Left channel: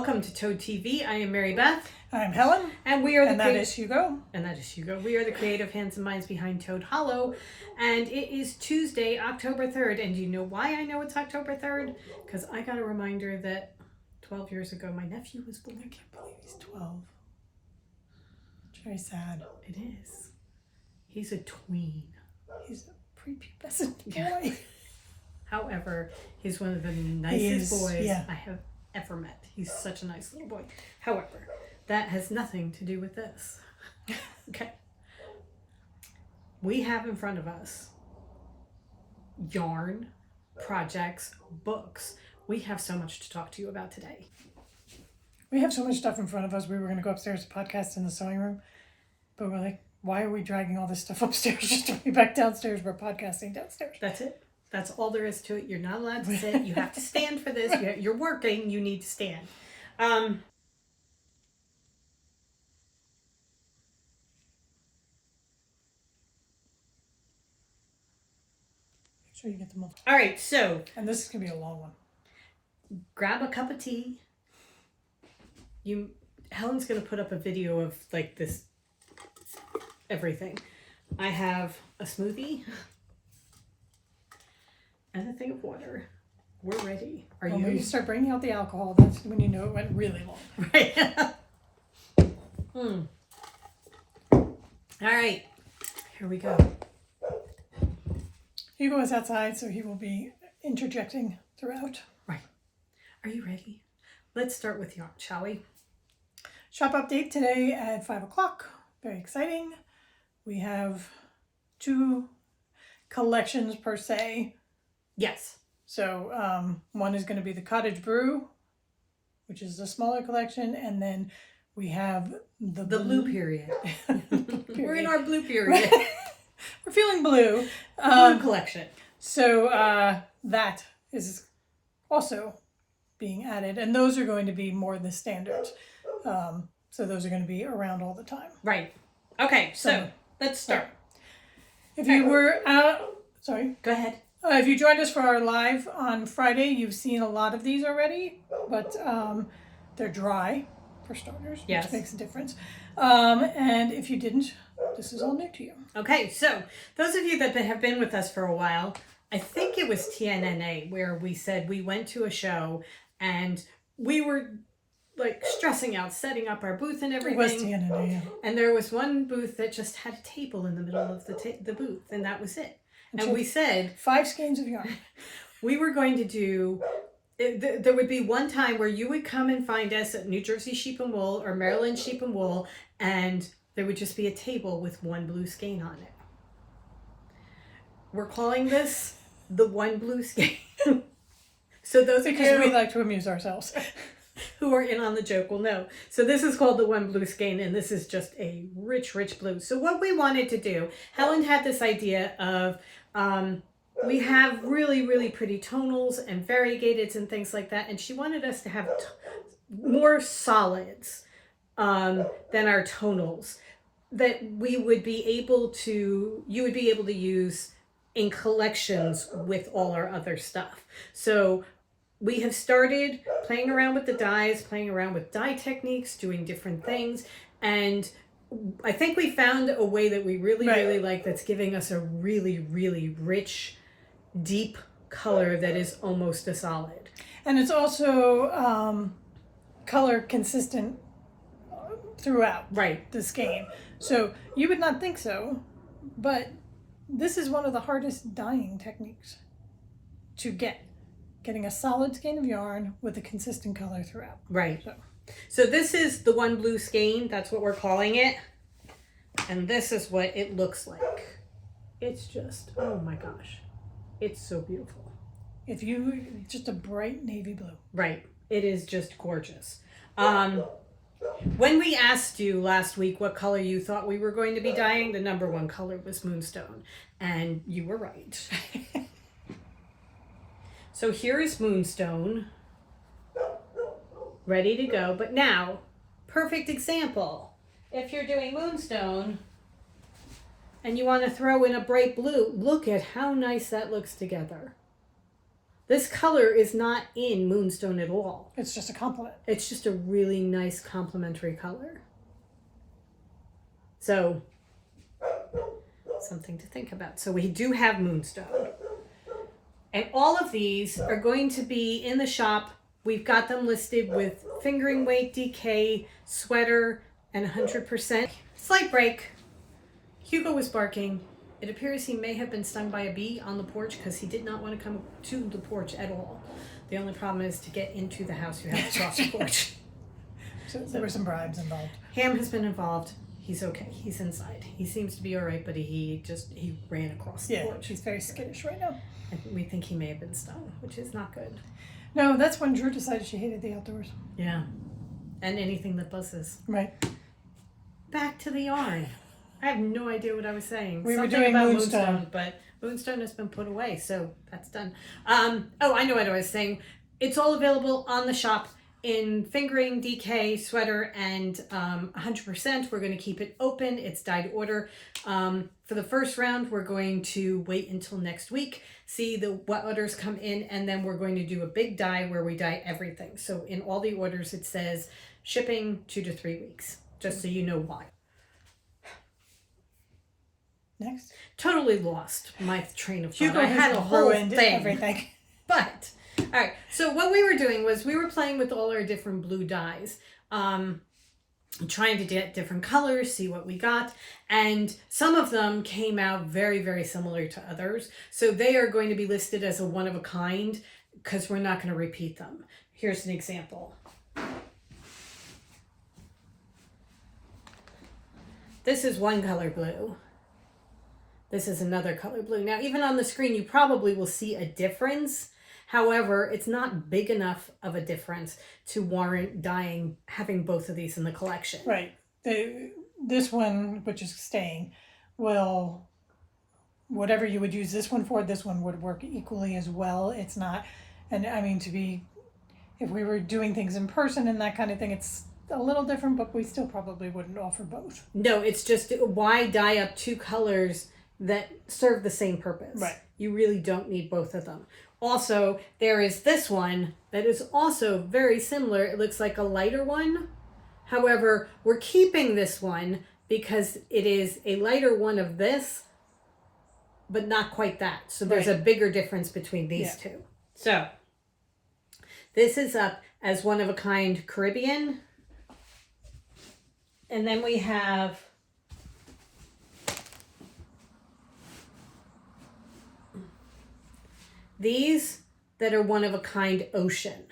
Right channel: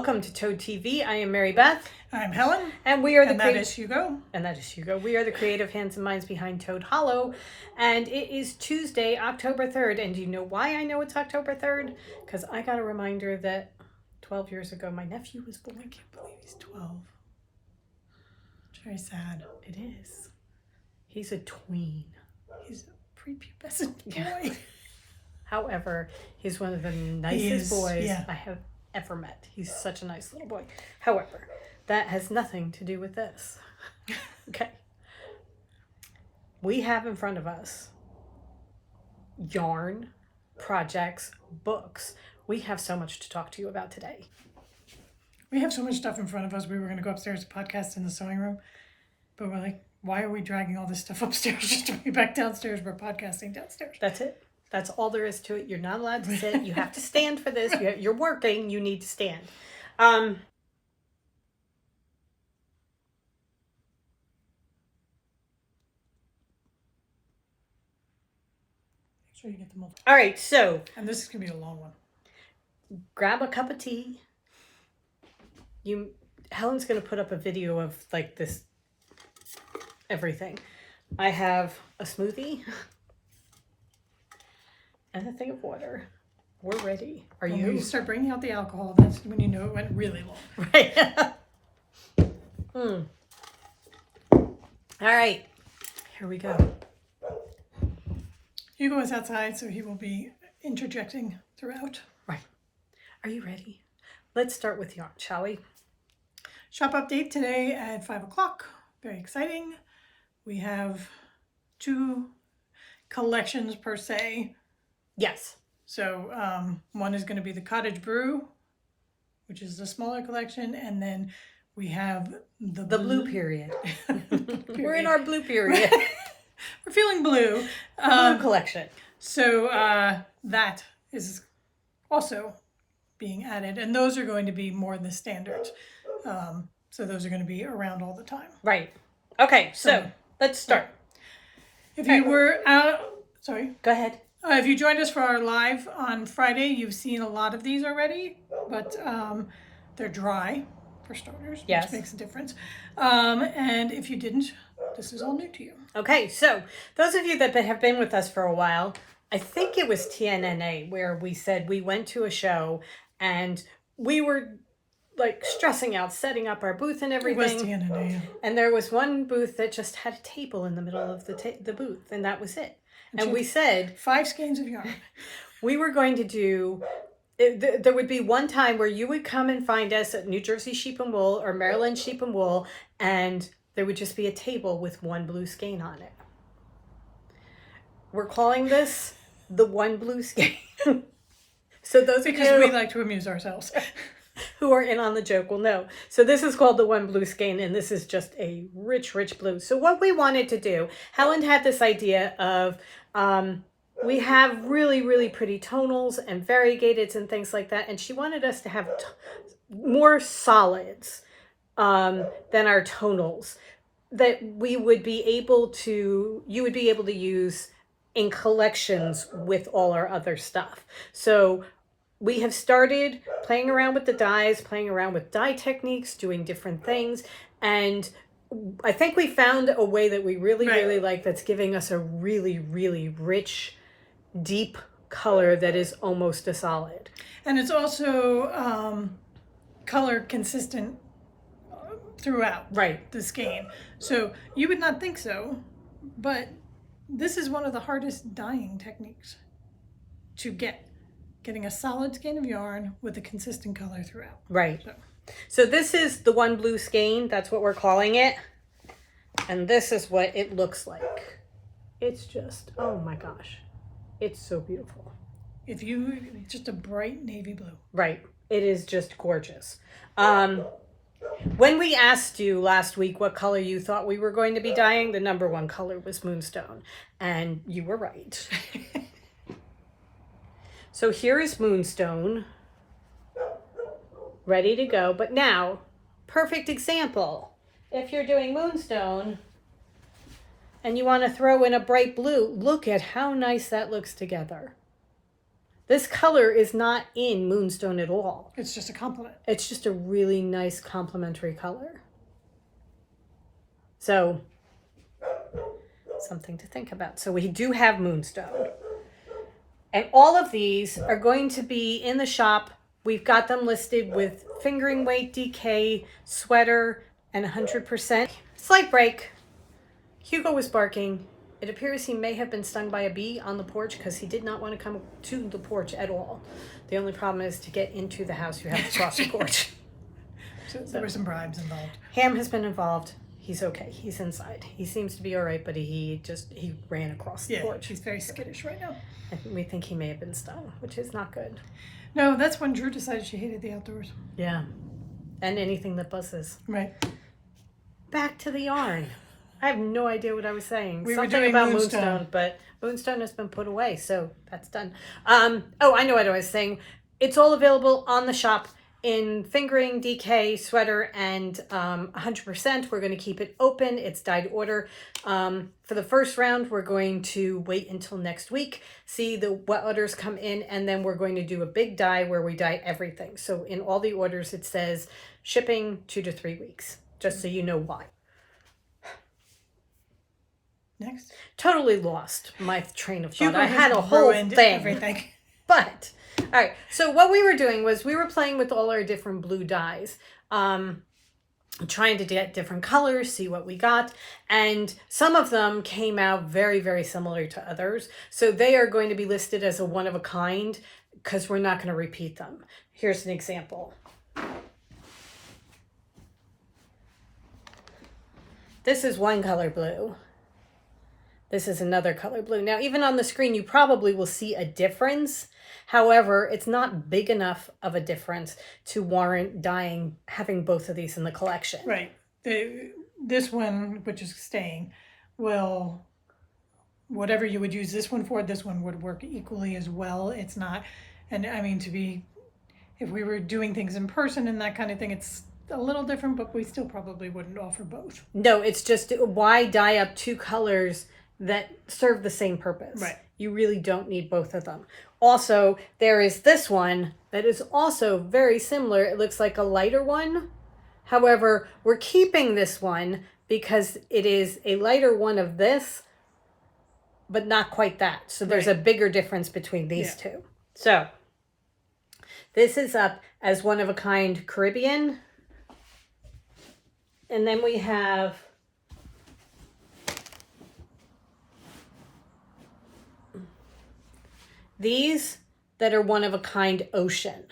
Welcome to Toad TV. I am Mary Beth. I'm Helen. And we are the that is Hugo. And that is Hugo. We are the creative hands and minds behind Toad Hollow. And it is Tuesday, October 3rd. And do you know why I know it's October 3rd? Because I got a reminder that 12 years ago my nephew was born. I can't believe he's 12. It's very sad. It is. He's a tween. He's a prepubescent boy. Yeah. However, he's one of the nicest boys I have ever met. He's such a nice little boy. However, that has nothing to do with this. Okay. We have in front of us yarn, projects, books. We have so much to talk to you about today. We have so much stuff in front of us. We were going to go upstairs to podcast in the sewing room, but we're like, why are we dragging all this stuff upstairs just to be back downstairs? We're podcasting downstairs. That's it. That's all there is to it. You're not allowed to sit. You have to stand for this. You're working. You need to stand. Make sure you get them all. All right, so. And this is going to be a long one. Grab a cup of tea. Helen's going to put up a video of like this, everything. I have a smoothie. And a thing of water. We're ready. When you start bringing out the alcohol, that's when you know it went really long. Right. All right. Here we go. Hugo is outside, so he will be interjecting throughout. Right. Are you ready? Let's start with yarn, shall we? Shop update today at 5 o'clock. Very exciting. We have 2 collections per se. Yes. So one is going to be the Cottage Brew, which is the smaller collection, and then we have the blue period. We're in our blue period. We're feeling blue. Blue collection. So that is also being added, and those are going to be more the standards. So those are going to be around all the time. Right. Okay. So let's start. If you were out, sorry. Go ahead. If you joined us for our live on Friday, you've seen a lot of these already, but they're dry, for starters, which makes a difference. And if you didn't, this is all new to you. Okay, so those of you that have been with us for a while, I think it was TNNA where we said we went to a show and we were like stressing out, setting up our booth and everything. It was TNNA, yeah. And there was one booth that just had a table in the middle of the booth, and that was it. And we said 5 skeins of yarn. We were going to do. There would be one time where you would come and find us at New Jersey Sheep and Wool or Maryland Sheep and Wool, and there would just be a table with one blue skein on it. We're calling this the one blue skein. So those because we like to amuse ourselves. Who are in on the joke will know. So this is called the one blue skein, and this is just a rich, rich blue. So what we wanted to do, Helen had this idea of, we have really, really pretty tonals and variegateds and things like that, and she wanted us to have more solids than our tonals that we would be able to, you would be able to use in collections with all our other stuff. So we have started playing around with the dyes, playing around with dye techniques, doing different things. And I think we found a way that we really, really like that's giving us a really, really rich, deep color that is almost a solid. And it's also color consistent throughout the skein. So you would not think so, but this is one of the hardest dyeing techniques to get. Getting a solid skein of yarn with a consistent color throughout. Right. So this is the one blue skein. That's what we're calling it. And this is what it looks like. It's just, oh my gosh. It's so beautiful. Just a bright navy blue. Right. It is just gorgeous. When we asked you last week what color you thought we were going to be dyeing, the number 1 color was Moonstone. And you were right. So here is Moonstone, ready to go. But now, perfect example. If you're doing Moonstone and you want to throw in a bright blue, look at how nice that looks together. This color is not in Moonstone at all. It's just a compliment. It's just a really nice complementary color. So, something to think about. So we do have Moonstone. And all of these are going to be in the shop. We've got them listed with fingering weight, DK, sweater, and 100%. Slight break. Hugo was barking. It appears he may have been stung by a bee on the porch because he did not want to come to the porch at all. The only problem is to get into the house, you have to cross the porch. So there were some bribes involved. Ham has been involved. He's okay. He's inside. He seems to be all right, but he ran across the porch. She's very skittish right now. We think he may have been stung, which is not good. No, that's when Drew decided she hated the outdoors. Yeah. And anything that buzzes. Right. Back to the yarn. I have no idea what I was saying. We Something were doing about Moonstone, but Moonstone has been put away, so that's done. I know what I was saying. It's all available on the shop in fingering, DK, sweater, and 100%. We're going to keep it open. It's dyed order. For the first round, we're going to wait until next week, see what orders come in, and then we're going to do a big dye where we dye everything. So in all the orders, it says shipping 2 to 3 weeks, just so you know why. Next. Totally lost my train of thought. Hugo I had a whole ruined thing. everything. But, all right. So what we were doing was we were playing with all our different blue dyes, trying to get different colors, see what we got. And some of them came out very, very similar to others. So they are going to be listed as a one of a kind because we're not going to repeat them. Here's an example. This is one color blue. This is another color blue. Now, even on the screen, you probably will see a difference. However, it's not big enough of a difference to warrant having both of these in the collection. Right. This one, which is staying, will, whatever you would use this one for, this one would work equally as well. It's not, and I mean, if we were doing things in person and that kind of thing, it's a little different, but we still probably wouldn't offer both. No, it's just, why dye up two colors that serve the same purpose? Right. You really don't need both of them. Also, there is this one that is also very similar. It looks like a lighter one. However, we're keeping this one because it is a lighter one of this, but not quite that. So there's a bigger difference between these two. So this is up as one of a kind Caribbean. And then we have these that are one of a kind ocean.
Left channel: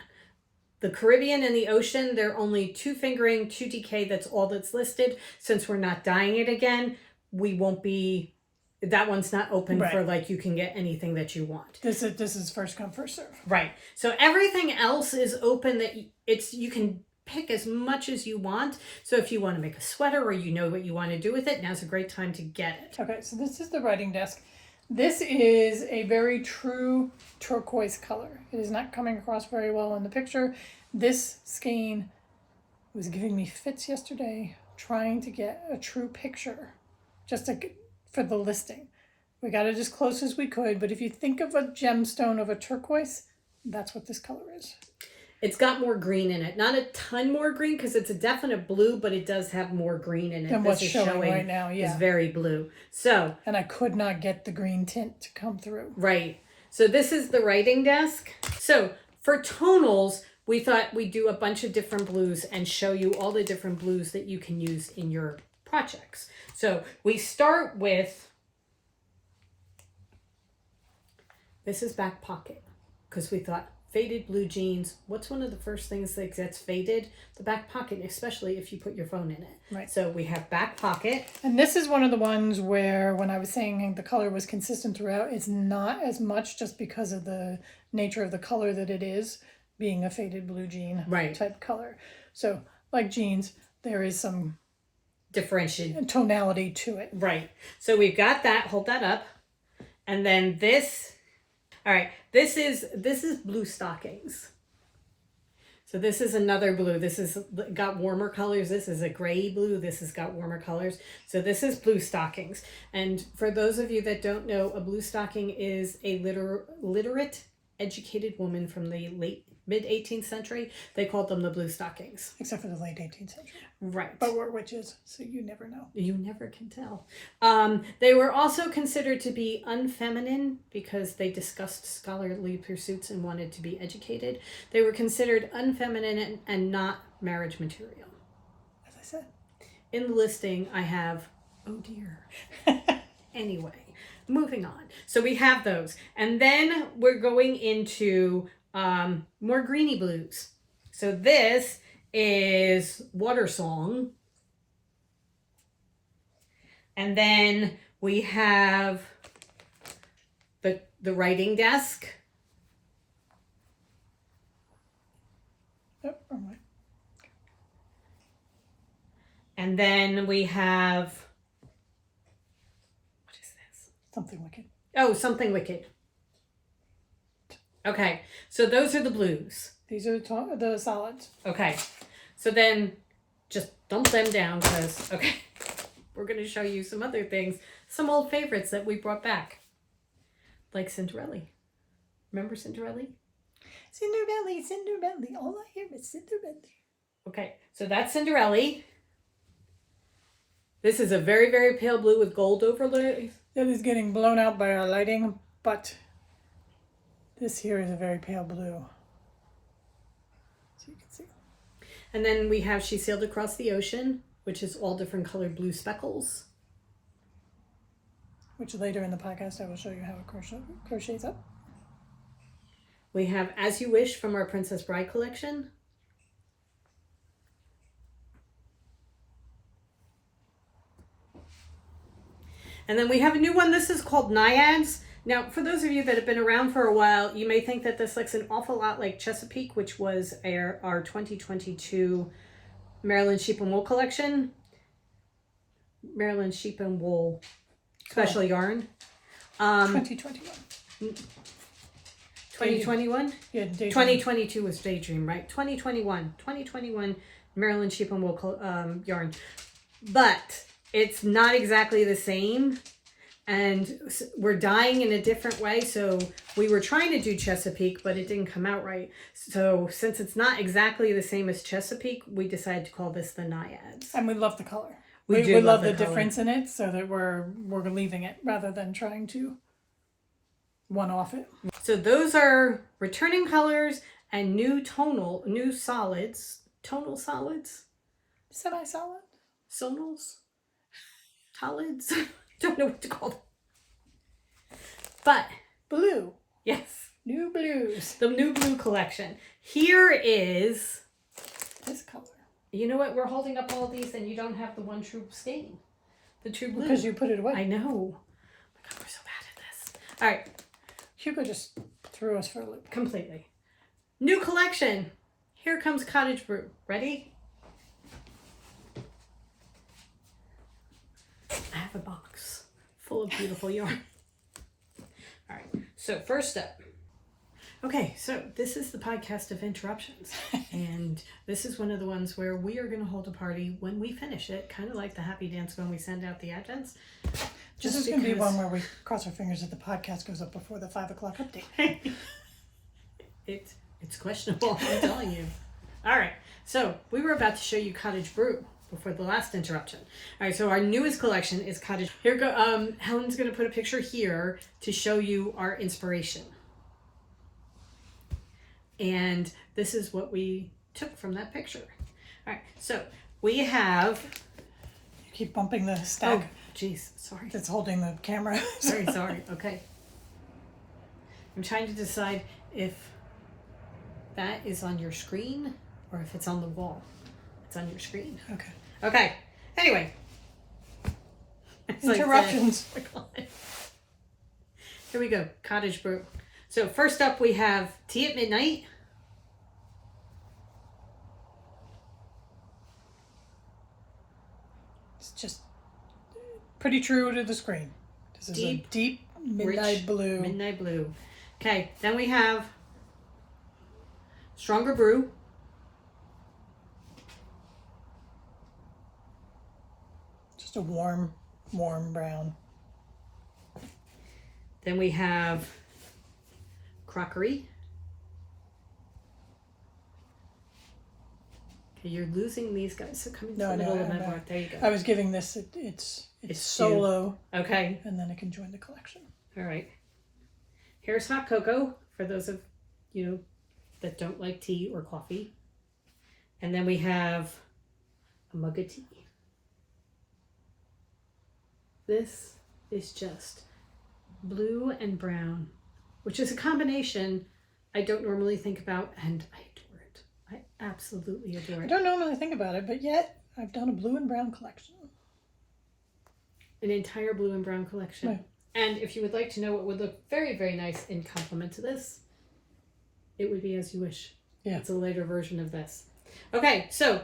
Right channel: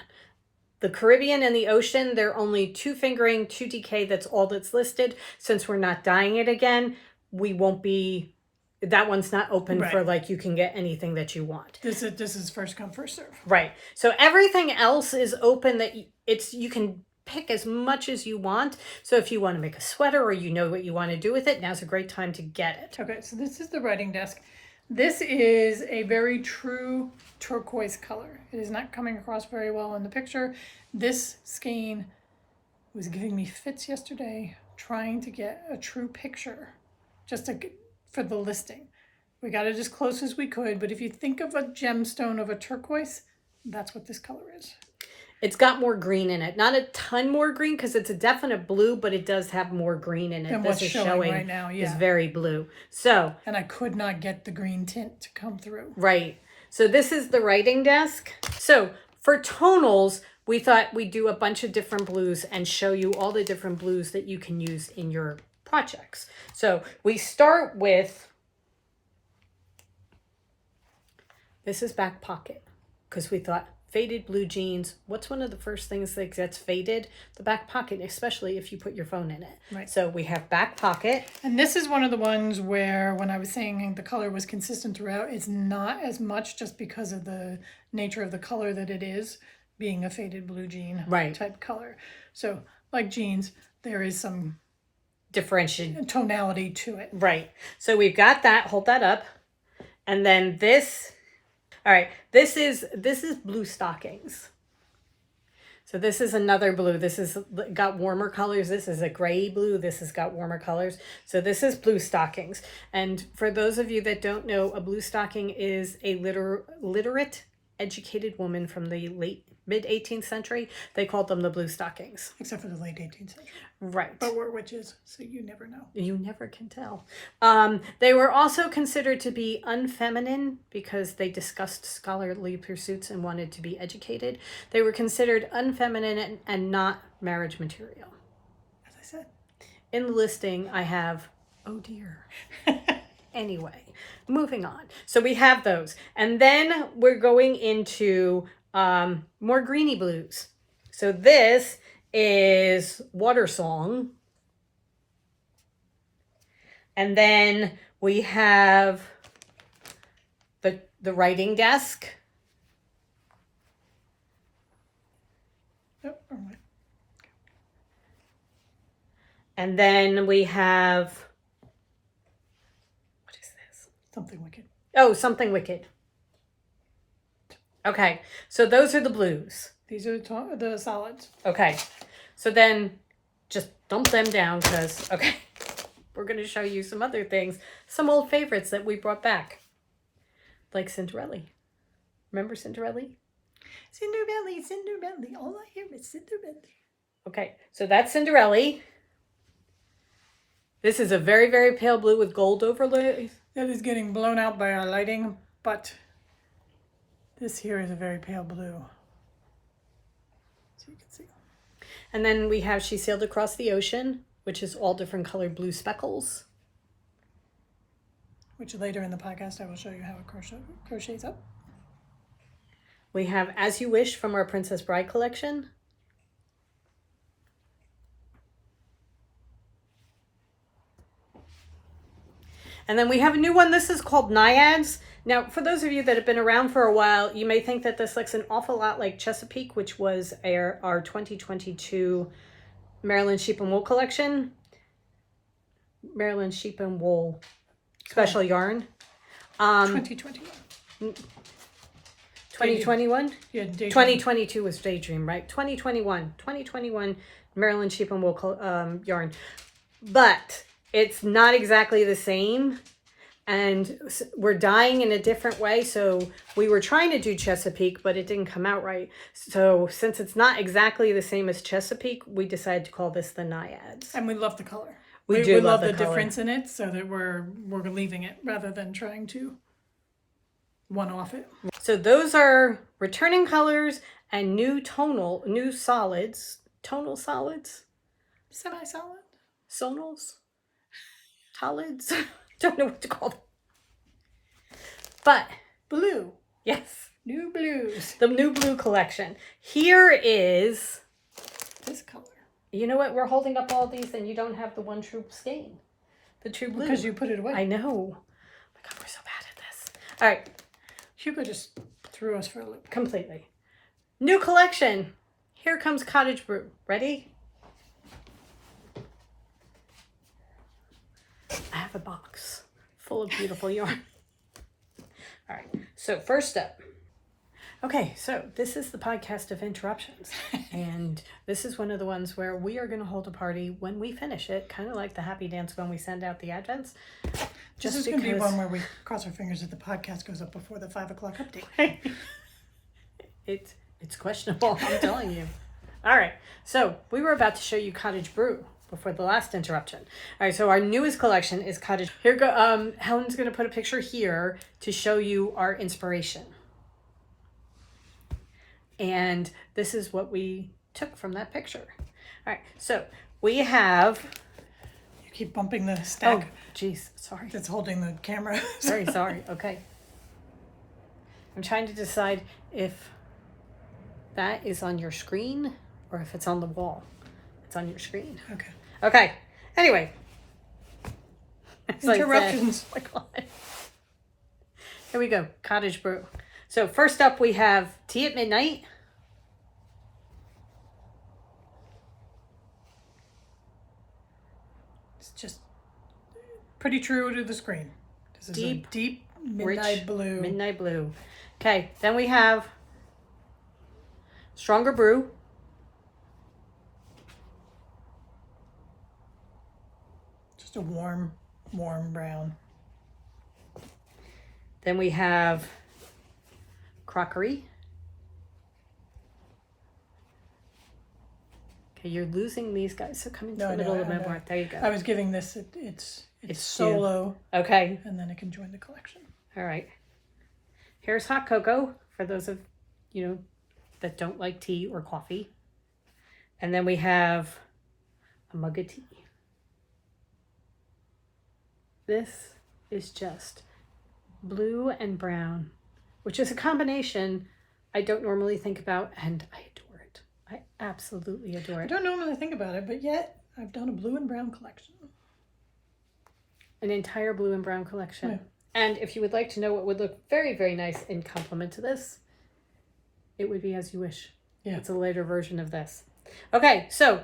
The Caribbean and the ocean, they're only 2 fingering, 2 DK. That's all that's listed. Since we're not dyeing it again, we won't be, that one's not open for like, you can get anything that you want. This is first come, first serve. Right. So everything else is open that you can pick as much as you want. So if you want to make a sweater or you know what you want to do with it, now's a great time to get it. Okay, so this is the writing desk. This is a very true turquoise color. It is not coming across very well in the picture. This skein was giving me fits yesterday trying to get a true picture for the listing. We got it as close as we could, but if you think of a gemstone of a turquoise, that's what this color is. It's got more green in it. Not a ton more green because it's a definite blue, but it does have more green in it. And what's showing right now, is very blue. So, and I could not get the green tint to come through. Right. So this is the writing desk. So for tonals, we thought we'd do a bunch of different blues and show you all the different blues that you can use in your projects. So we start with, this is back pocket because we thought, faded blue jeans. What's one of the first things that gets faded? The back pocket, especially if you put your phone in it. Right. So we have back pocket. And this is one of the ones where when I was saying the color was consistent throughout, it's not as much just because of the nature of the color that it is, being a faded blue jean type color. So like jeans, there is some differentiation, tonality to it. Right. So we've got that. Hold that up. And then this. All right, this is blue stockings. So this is another blue. This is got warmer colors. This is a gray blue. This has got warmer colors. So this is blue stockings. And for those of you that don't know, a blue stocking is a literate educated woman from the mid 18th century. They called them the blue stockings. Except for the late 18th century. Right. But we're witches, so you never know. You never can tell. They were also considered to be unfeminine because they discussed scholarly pursuits and wanted to be educated. They were considered unfeminine and not marriage material. As I said. In the listing, I have, oh dear. Anyway, moving on. So we have those. And then we're going into more greeny blues. So this is Water Song. And then we have the writing desk. Oh, wrong way. And then we have, what is this? Something wicked. Oh, Something Wicked. Okay, so those are the blues. These are the solids. Okay, so then just dump them down because, okay, we're going to show you some other things, some old favorites that we brought back. Like Cinderella. Remember Cinderella? Cinderella, Cinderella, all I hear is Cinderella. Okay, so that's Cinderella. This is a very, very pale blue with gold overlay. That is getting blown out by our lighting, but this here is a very pale blue. So you can see. And then we have She Sailed Across the Ocean, which is all different colored blue speckles. Which later in the podcast I will show you how it crochets up. We have As You Wish from our Princess Bride collection. And then we have a new one. This is called Naiads. Now, for those of you that have been around for a while, you may think that this looks an awful lot like Chesapeake, which was our 2022 Maryland Sheep and Wool collection. Maryland Sheep and Wool special yarn. 2021. 2021? Yeah, Daydream. 2022 was Daydream, right? 2021 Maryland Sheep and Wool yarn. But it's not exactly the same. And we're dyeing in a different way. So we were trying to do Chesapeake, but it didn't come out right. So since it's not exactly the same as Chesapeake, we decided to call this the Naiads. And we love the color. We We love the color. difference in it, so that we're leaving it rather than trying to one-off it. So those are returning colors and new solids. Tonal solids? Semi-solid? Sonals? Solids? Don't know what to call them. But, Blue. yes. New blues. The new blue collection. Here is, This color. you know what? We're holding up all these and you don't have the one true stain. The true blue. Because you put it away. I know. Oh my God, we're so bad at this. All right. Hugo just threw us for a loop. Completely. New collection. Here comes Cottage Brew. Ready? I have a box full of beautiful yarn. All right. So first up. Okay, so this is the podcast of interruptions. And this is one of the ones where we are going to hold a party when we finish it, kind of like the happy dance when we send out the advents. This is going to be one where we cross our fingers that the podcast goes up before the 5 o'clock update. It's questionable, I'm telling you. All right, so we were about to show you Cottage Brew before the last interruption. All right, so our newest collection is Cottage. Here go. Helen's going to put a picture here to show you our inspiration. And this is what we took from that picture. All right, so we have. You keep bumping the stack. Oh, jeez, sorry. That's holding the camera. Very sorry. Okay. I'm trying to decide if that is on your screen or if it's on the wall. It's on your screen. Okay. Okay. Anyway. It's Interruptions. Like here we go. Cottage Brew. So first up we have Tea at Midnight. It's just pretty true to the screen. This is a deep midnight rich blue. Midnight blue. Okay. Then we have Stronger Brew. Just a warm brown. Then we have crockery. Okay, you're losing these guys, so come into the middle of the part. There you go. I was giving this it's solo. Okay. And then it can join the collection. All right. Here's hot cocoa for those of you that don't like tea or coffee. And then we have a mug of tea. This is just blue and brown, which is a combination I don't normally think about, and I adore it. I absolutely adore it. I don't normally think about it, but yet I've done a blue and brown collection. An entire blue and brown collection. Right. And if you would like to know what would look very, very nice in complement to this, it would be As You Wish. Yeah. It's a later version of this. Okay, so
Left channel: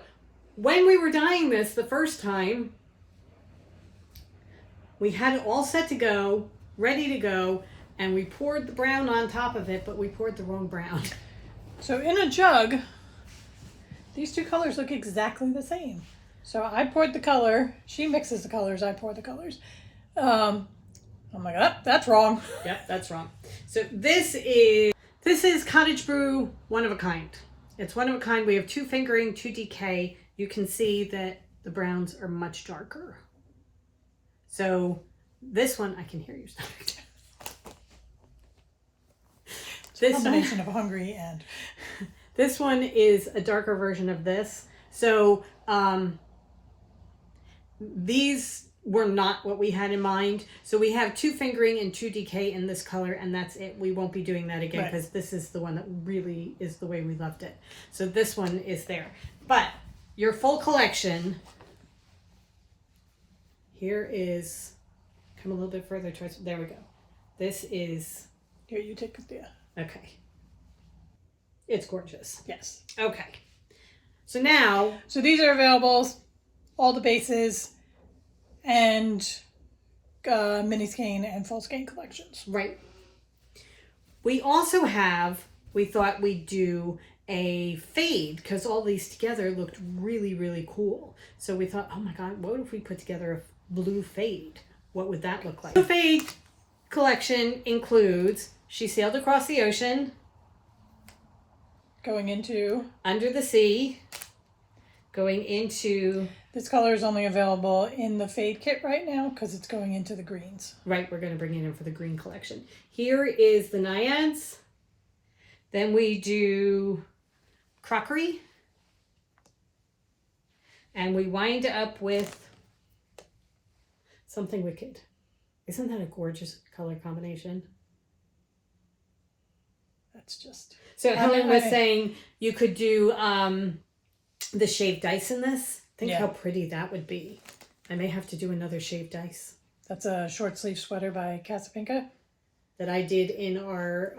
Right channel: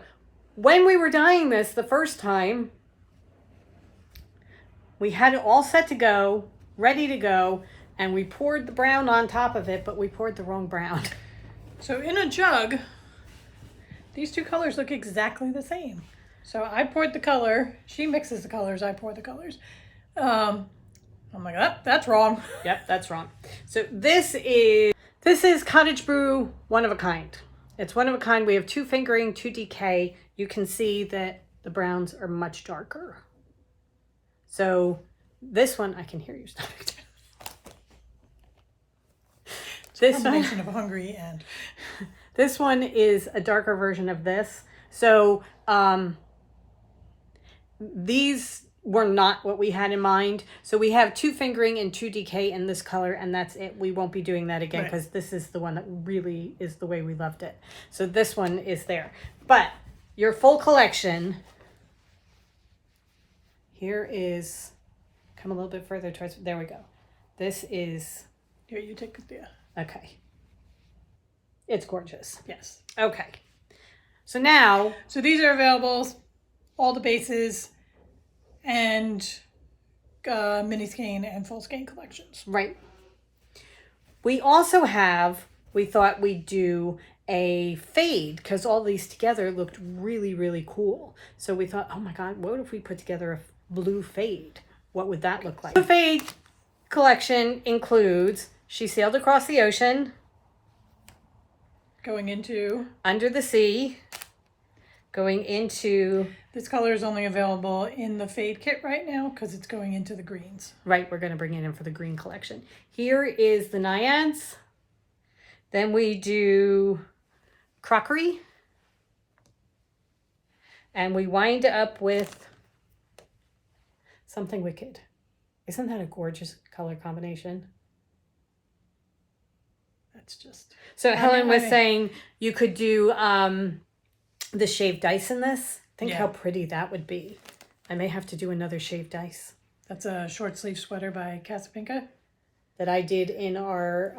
when we were dyeing this the first time, we had it all set to go, ready to go, and we poured the brown on top of it, but we poured the wrong brown. So in a jug, these two colors look exactly the same. So I poured the color, she mixes the colors, I pour the colors. I'm like, oh, that's wrong. Yep, that's wrong. So this is Cottage Brew, one of a kind. It's one of a kind. We have 2 fingering, 2 DK. You can see that the browns are much darker. So this one, I can hear you stomach. This combination of hungry and this one is a darker version of this. So these were not what we had in mind. So we have 2 fingering and 2 DK in this color, and that's it. We won't be doing that again because this is the one that really is the way we loved it. So this one is there. But your full collection, here is, come a little bit further towards, there we go. This is, here, you take it, yeah. Okay. It's gorgeous. Yes. Okay. So now. So these are available, all the bases, and mini skein and full skein collections. Right. We also have, we thought we'd do a fade because all these together looked really, really cool. So we thought, oh my God, what if we put together a blue fade? What would that look like? The fade collection includes She Sailed Across the Ocean, going into Under the Sea, going into... This color is only available in the fade kit right now because it's going into the greens. Right, we're going to bring it in for the green collection. Here is the Naiads. Then we do Crockery. And we wind up with Something Wicked. Isn't that a gorgeous color combination? That's just... So Helen was saying you could do the shaved ice in this. Think how pretty that would be. I may have to do another shaved ice. That's a short sleeve sweater by Casapinka. That I did in our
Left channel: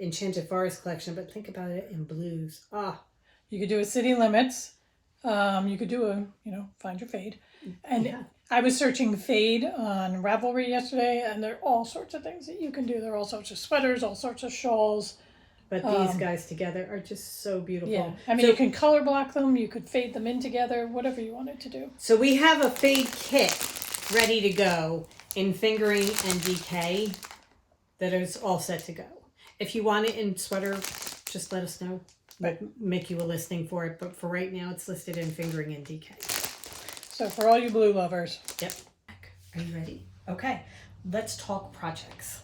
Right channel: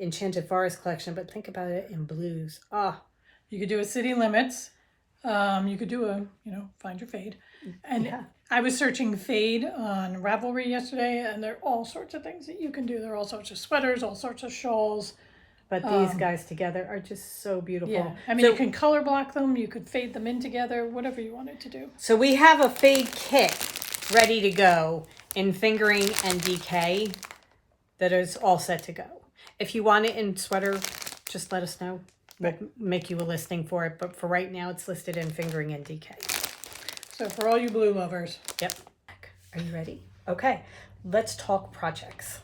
Enchanted Forest collection, but think about it in blues. Ah. You could do a City Limits. You could do a, Find Your Fade. And I was searching fade on Ravelry yesterday, and there are all sorts of things that you can do. There are all sorts of sweaters, all sorts of shawls. But these guys together are just so beautiful. Yeah. I mean, you can color block them. You could fade them in together, whatever you wanted to do. So we have a fade kit ready to go in fingering and DK that is all set to go. If you want it in sweater, just let us know. We'll make you a listing for it. But for right now, it's listed in fingering and DK. So for all you blue lovers. Yep. Are you ready? Okay. Let's talk projects.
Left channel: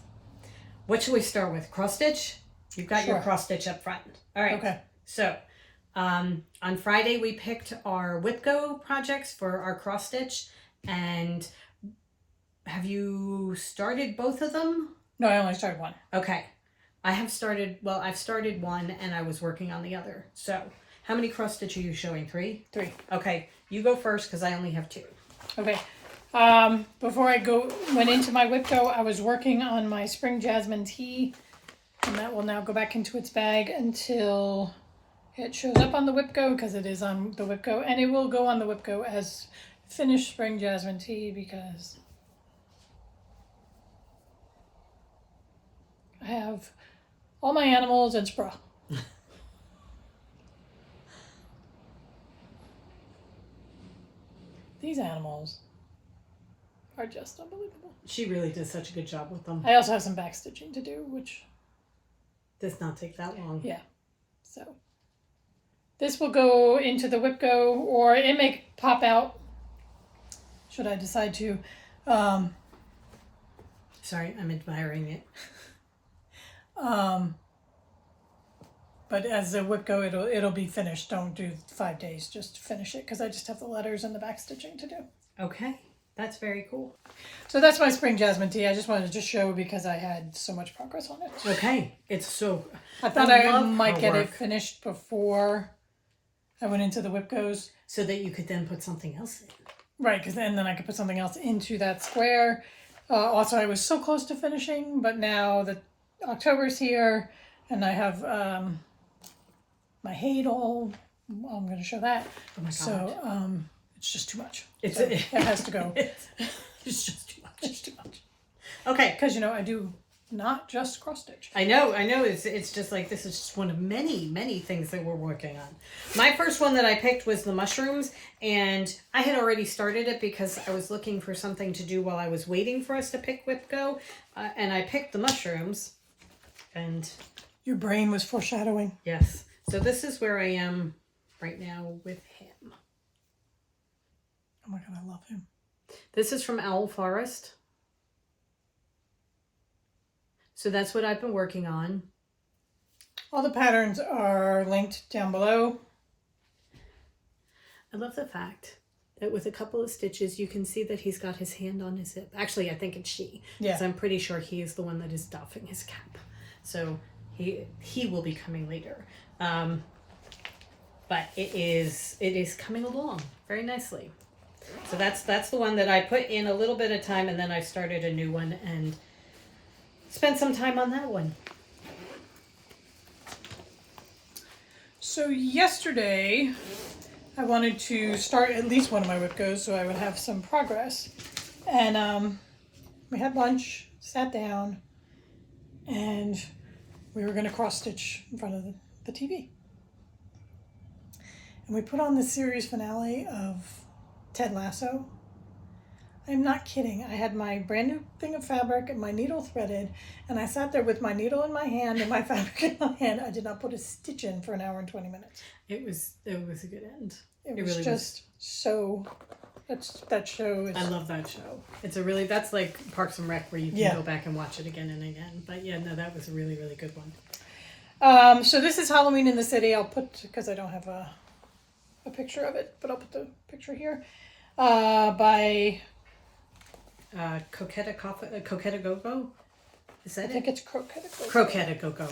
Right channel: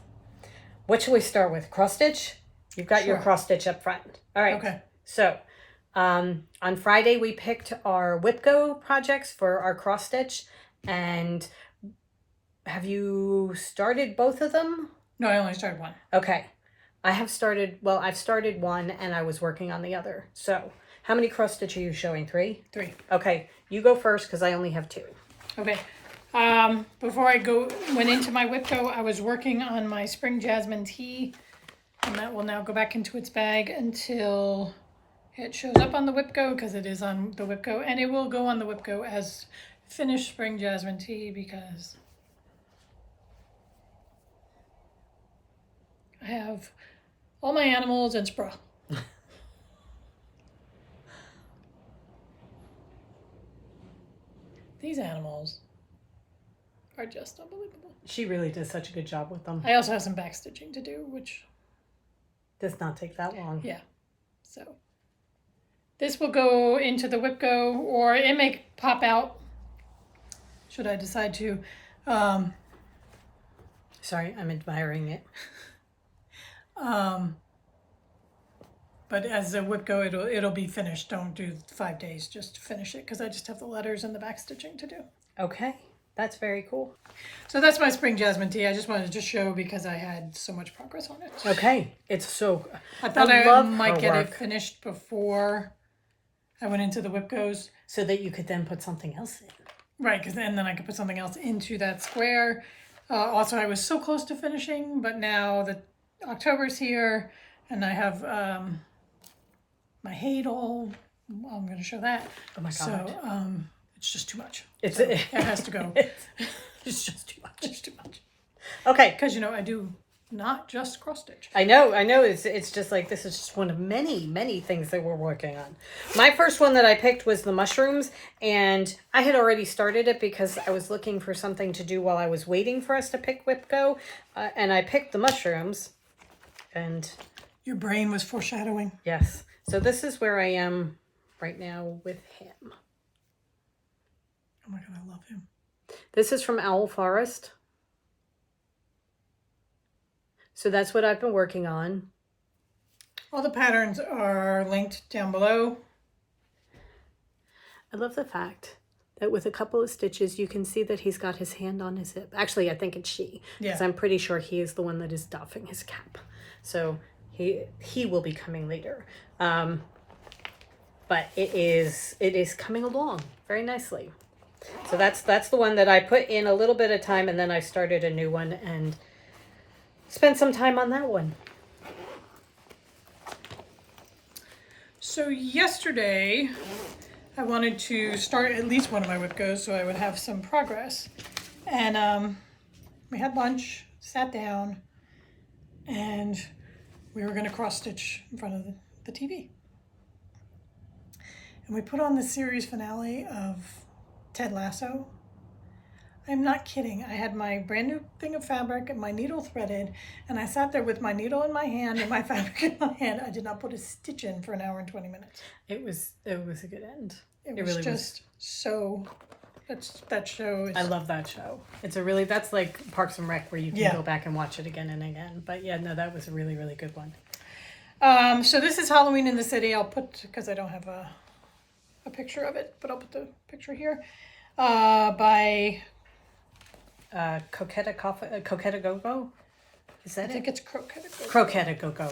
What should we start with? Cross stitch? You've got your cross stitch up front. All right. Okay. So on Friday, we picked our WhipGo projects for our cross stitch. And have you started both of them? No, I only started one. Okay. I've started one and I was working on the other. So how many cross stitch are you showing? 3? 3. Okay. You go first because I only have 2. Okay. Before I went into my WhipGo, I was working on my Spring Jasmine tea. And that will now go back into its bag until it shows up on the WhipGo, because it is on the WhipGo. And it will go on the WhipGo as finished Spring Jasmine tea because I have all my animals and Spra. These animals are just unbelievable. She really did such a good job with them. I also have some back stitching to do, which Does not take that long. Yeah. So this will go into the whip go, or it may pop out should I decide to. Sorry, I'm admiring it. But as the whip go, it'll be finished. Don't do 5 days. Just finish it because I just have the letters and the back stitching to do. Okay, that's very cool. So that's my spring jasmine tea. I just wanted to show because I had so much progress on it. Okay, it's so. I thought I might get it finished before I went into the whip goes, so that you could then put something else in. Right, because then I could put something else into that square. Also, I was so close to finishing, but now that October's here, and I have my hate all. Well, I'm going to show that. Oh my god! So it's just too much. It has to go. It's just too much. It's too much. Okay, because I do not just cross stitch. I know. It's just like this is just one of many things that we're working on. My first one that I picked was the mushrooms, and I had already started it because I was looking for something to do while I was waiting for us to pick whip go, and I picked the mushrooms, and your brain was foreshadowing. Yes. So this is where I am right now with him. Oh my god, I love him. This is from Owl Forest. So that's what I've been working on. All the patterns are linked down below. I love the fact that with a couple of stitches, you can see that he's got his hand on his hip. Actually, I think it's she. Because I'm pretty sure he is the one that is doffing his cap. So he will be coming later. But it is coming along very nicely. So that's the one that I put in a little bit of time, and then I started a new one and spent some time on that one. So yesterday, I wanted to start at least one of my whip goes so I would have some progress. And we had lunch, sat down, and we were going to cross stitch in front of the TV. And we put on the series finale of Ted Lasso. I'm not kidding. I had my brand new thing of fabric and my needle threaded, and I sat there with my needle in my hand and my fabric in my hand. I did not put a stitch in for an hour and 20 minutes. It was a good end. It was really just so. That show is. I love that show. That's like Parks and Rec where you can go back and watch it again and again. But yeah, no, that was a really good one. So this is Halloween in the City. I'll put, because I don't have a picture of it, but I'll put the picture here. By Coquetta Go-Go? Is that I think it's Croquetta Go-Go. Croquetta Go-Go.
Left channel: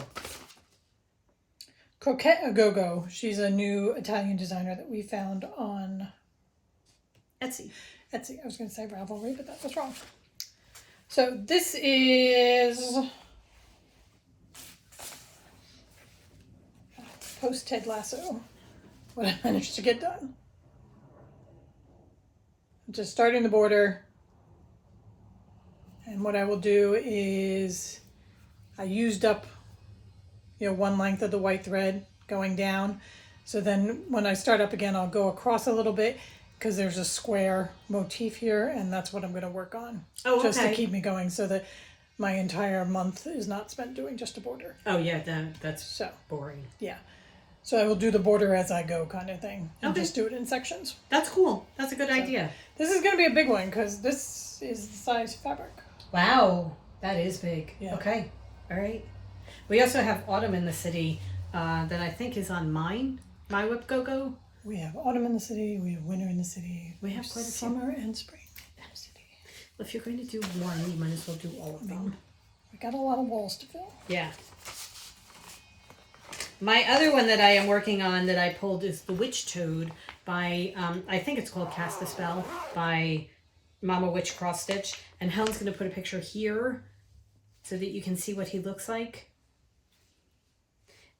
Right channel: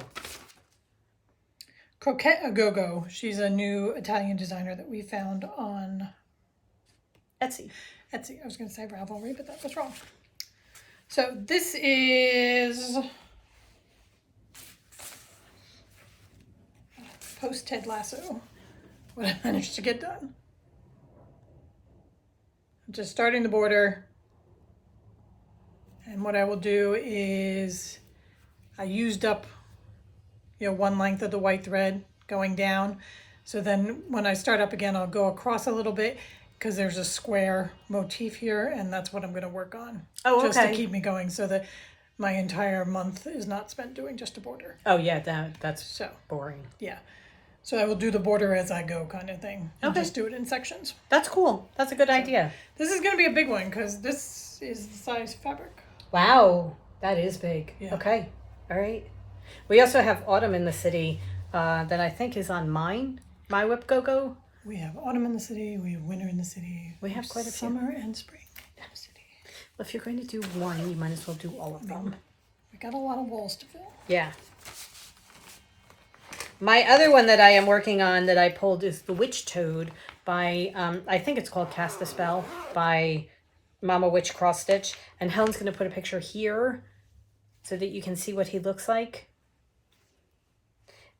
Croquetta Go-Go. She's a new Italian designer that we found on Etsy. I was going to say Ravelry, but that was wrong. So this is post Ted Lasso. What I managed to get done. Just starting the border. And what I will do is I used up, one length of the white thread going down. So then when I start up again, I'll go across a little bit because there's a square motif here, and that's what I'm going to work on. Oh, okay. Just to keep me going so that my entire month is not spent doing just a border. Oh, yeah, that's so boring. Yeah. So I will do the border as I go kind of thing. And just do it in sections. That's cool. That's a good idea. This is going to be a big one because this is the size fabric. Wow. That is big. Yeah. Okay. All right. We also have Autumn in the City that I think is on My Whip Go-Go. We have autumn in the city. We have winter in the city. We have quite a summer and spring in the city. Well, if you're going to do one, you might as well do all of them. We got a lot of walls to fill. Yeah. My other one that I am working on that I pulled is the Witch Toad by, I think it's called Cast the Spell by Mama Witch Cross Stitch. And Helen's going to put a picture here so that you can see what he looks like.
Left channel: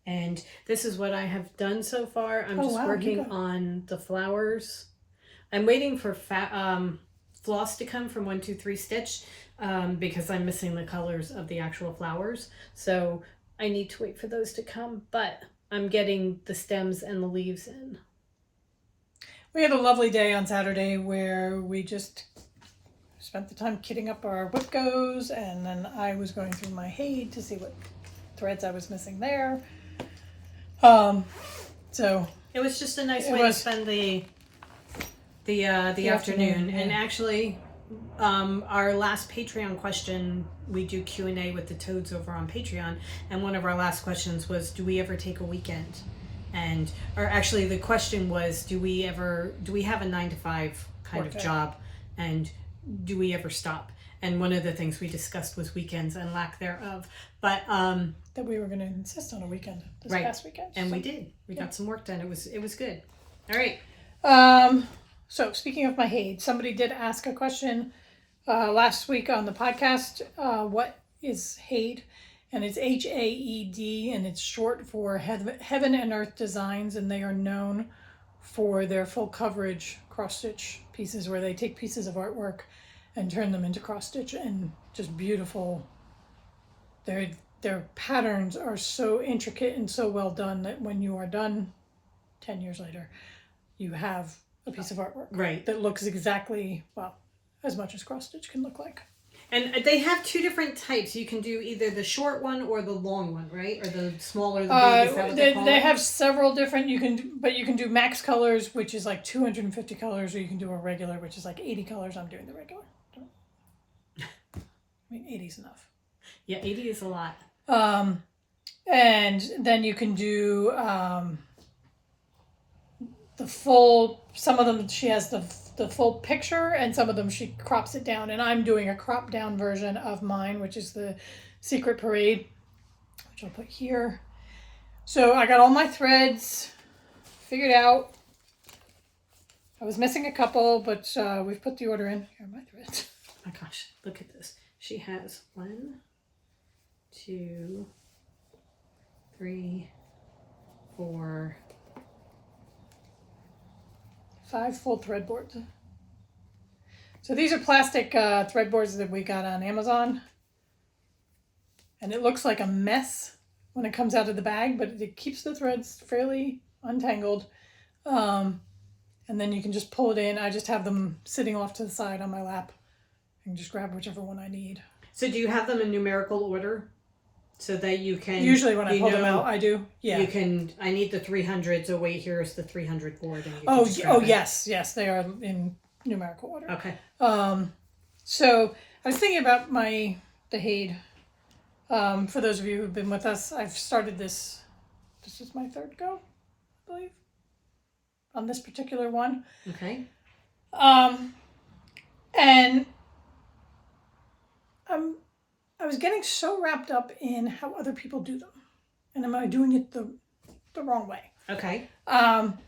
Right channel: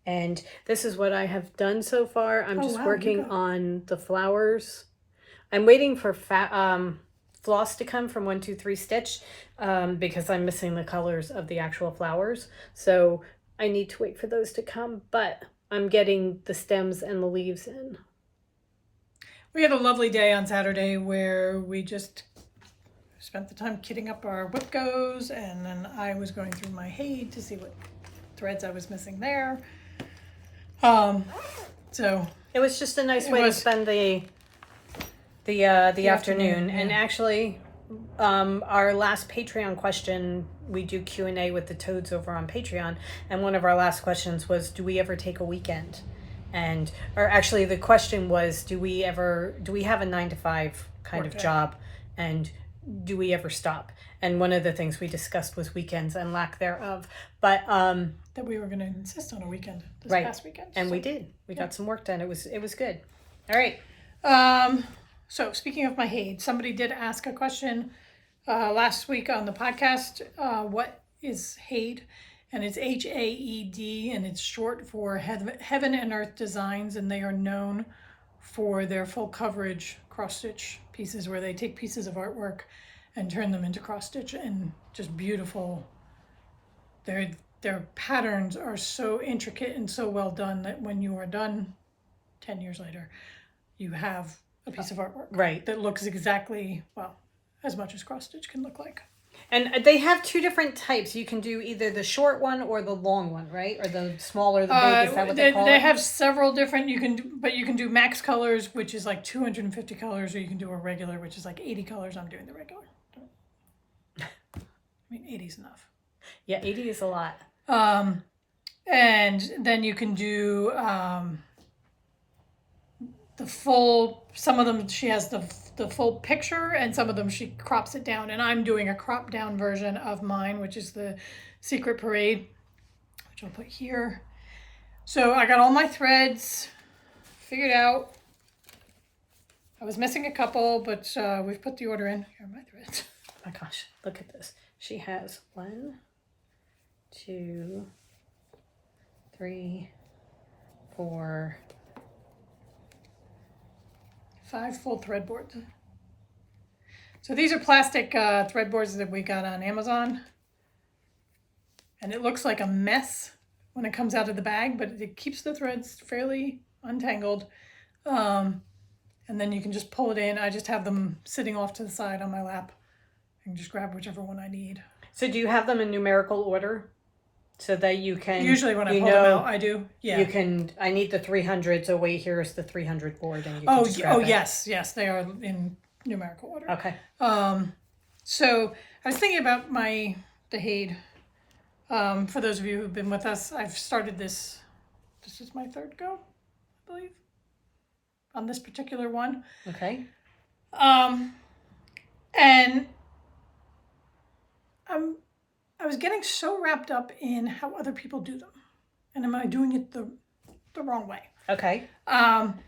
And this is what I have done so far. I'm just working on the flowers. I'm waiting for floss to come from 1-2-3 Stitch because I'm missing the colors of the actual flowers. So I need to wait for those to come, but I'm getting the stems and the leaves in. We had a lovely day on Saturday where we just spent the time kitting up our whip goes, and then I was going through my Haid to see what threads I was missing there. So it was just a nice way to spend the afternoon. Yeah. And actually, our last Patreon question, we do Q&A with the Toads over on Patreon, and one of our last questions was, do we ever take a weekend? Or actually the question was, do we have a 9-to-5 kind of job, and do we ever stop? And one of the things we discussed was weekends and lack thereof. But that we were going to insist on a weekend this past weekend. And so we did. We got some work done. It was good. All right. So speaking of my Haid, somebody did ask a question last week on the podcast. What is Haid? And it's HAED, and it's short for Heaven and Earth Designs, and they are known for their full coverage cross-stitch pieces where they take pieces of artwork and turn them into cross-stitch, and just beautiful. Their patterns are so intricate and so well done that when you are done 10 years later, you have a piece of artwork that looks exactly, well, as much as cross-stitch can look like. And they have two different types. You can do either the short one or the long one, right? Or the smaller, the big. Is that what they call it? They have several different. You can do max colors, which is like 250 colors, or you can do a regular, which is like 80 colors. I'm doing the regular. I mean, 80 is enough. Yeah, 80 is a lot. And then you can do the full. Some of them she has the full picture, and some of them she crops it down, and I'm doing a crop down version of mine, which is the Secret Parade, which I'll put here. So I got all my threads figured out. I was missing a couple, but we've put the order in. Here are my threads. Oh my gosh, look at this. She has 1, 2, 3, 4, 5 full thread boards. So these are plastic thread boards that we got on Amazon. And it looks like a mess when it comes out of the bag, but it keeps the threads fairly untangled. And then you can just pull it in. I just have them sitting off to the side on my lap and just grab whichever one I need. So do you have them in numerical order? So that you can... Usually when I pull them out, I do. Yeah. You can... I need the 300, so wait, here's the 300 board. And yes. They are in numerical order. Okay. So I was thinking about the Haid. For those of you who've been with us, I've started this. This is my third go, I believe, on this particular one. Okay. And I was getting so wrapped up in how other people do them, and am I doing it the wrong way? Okay. And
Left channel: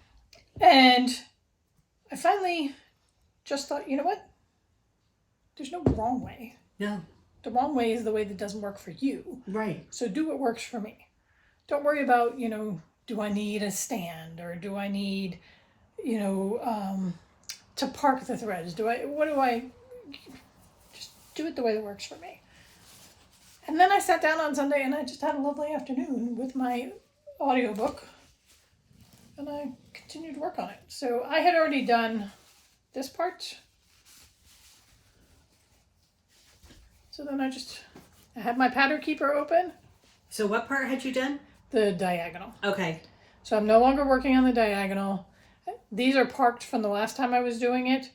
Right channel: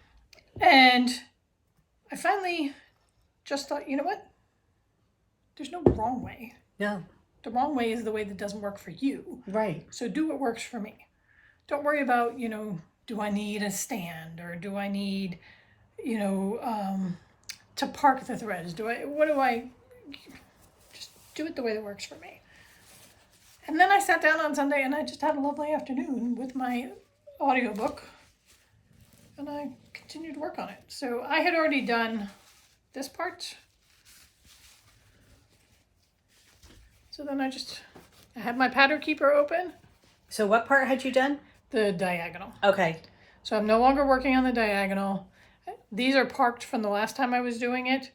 I finally just thought, you know what? There's no wrong way. No. The wrong way is the way that doesn't work for you. Right. So do what works for me. Don't worry about, do I need a stand, or do I need, to park the threads? Just do it the way that works for me. And then I sat down on Sunday and I just had a lovely afternoon with my audiobook, and I continued to work on it. So I had already done this part. So then I had my pattern keeper open. So what part had you done? The diagonal. Okay. So I'm no longer working on the diagonal. These are parked from the last time I was doing it.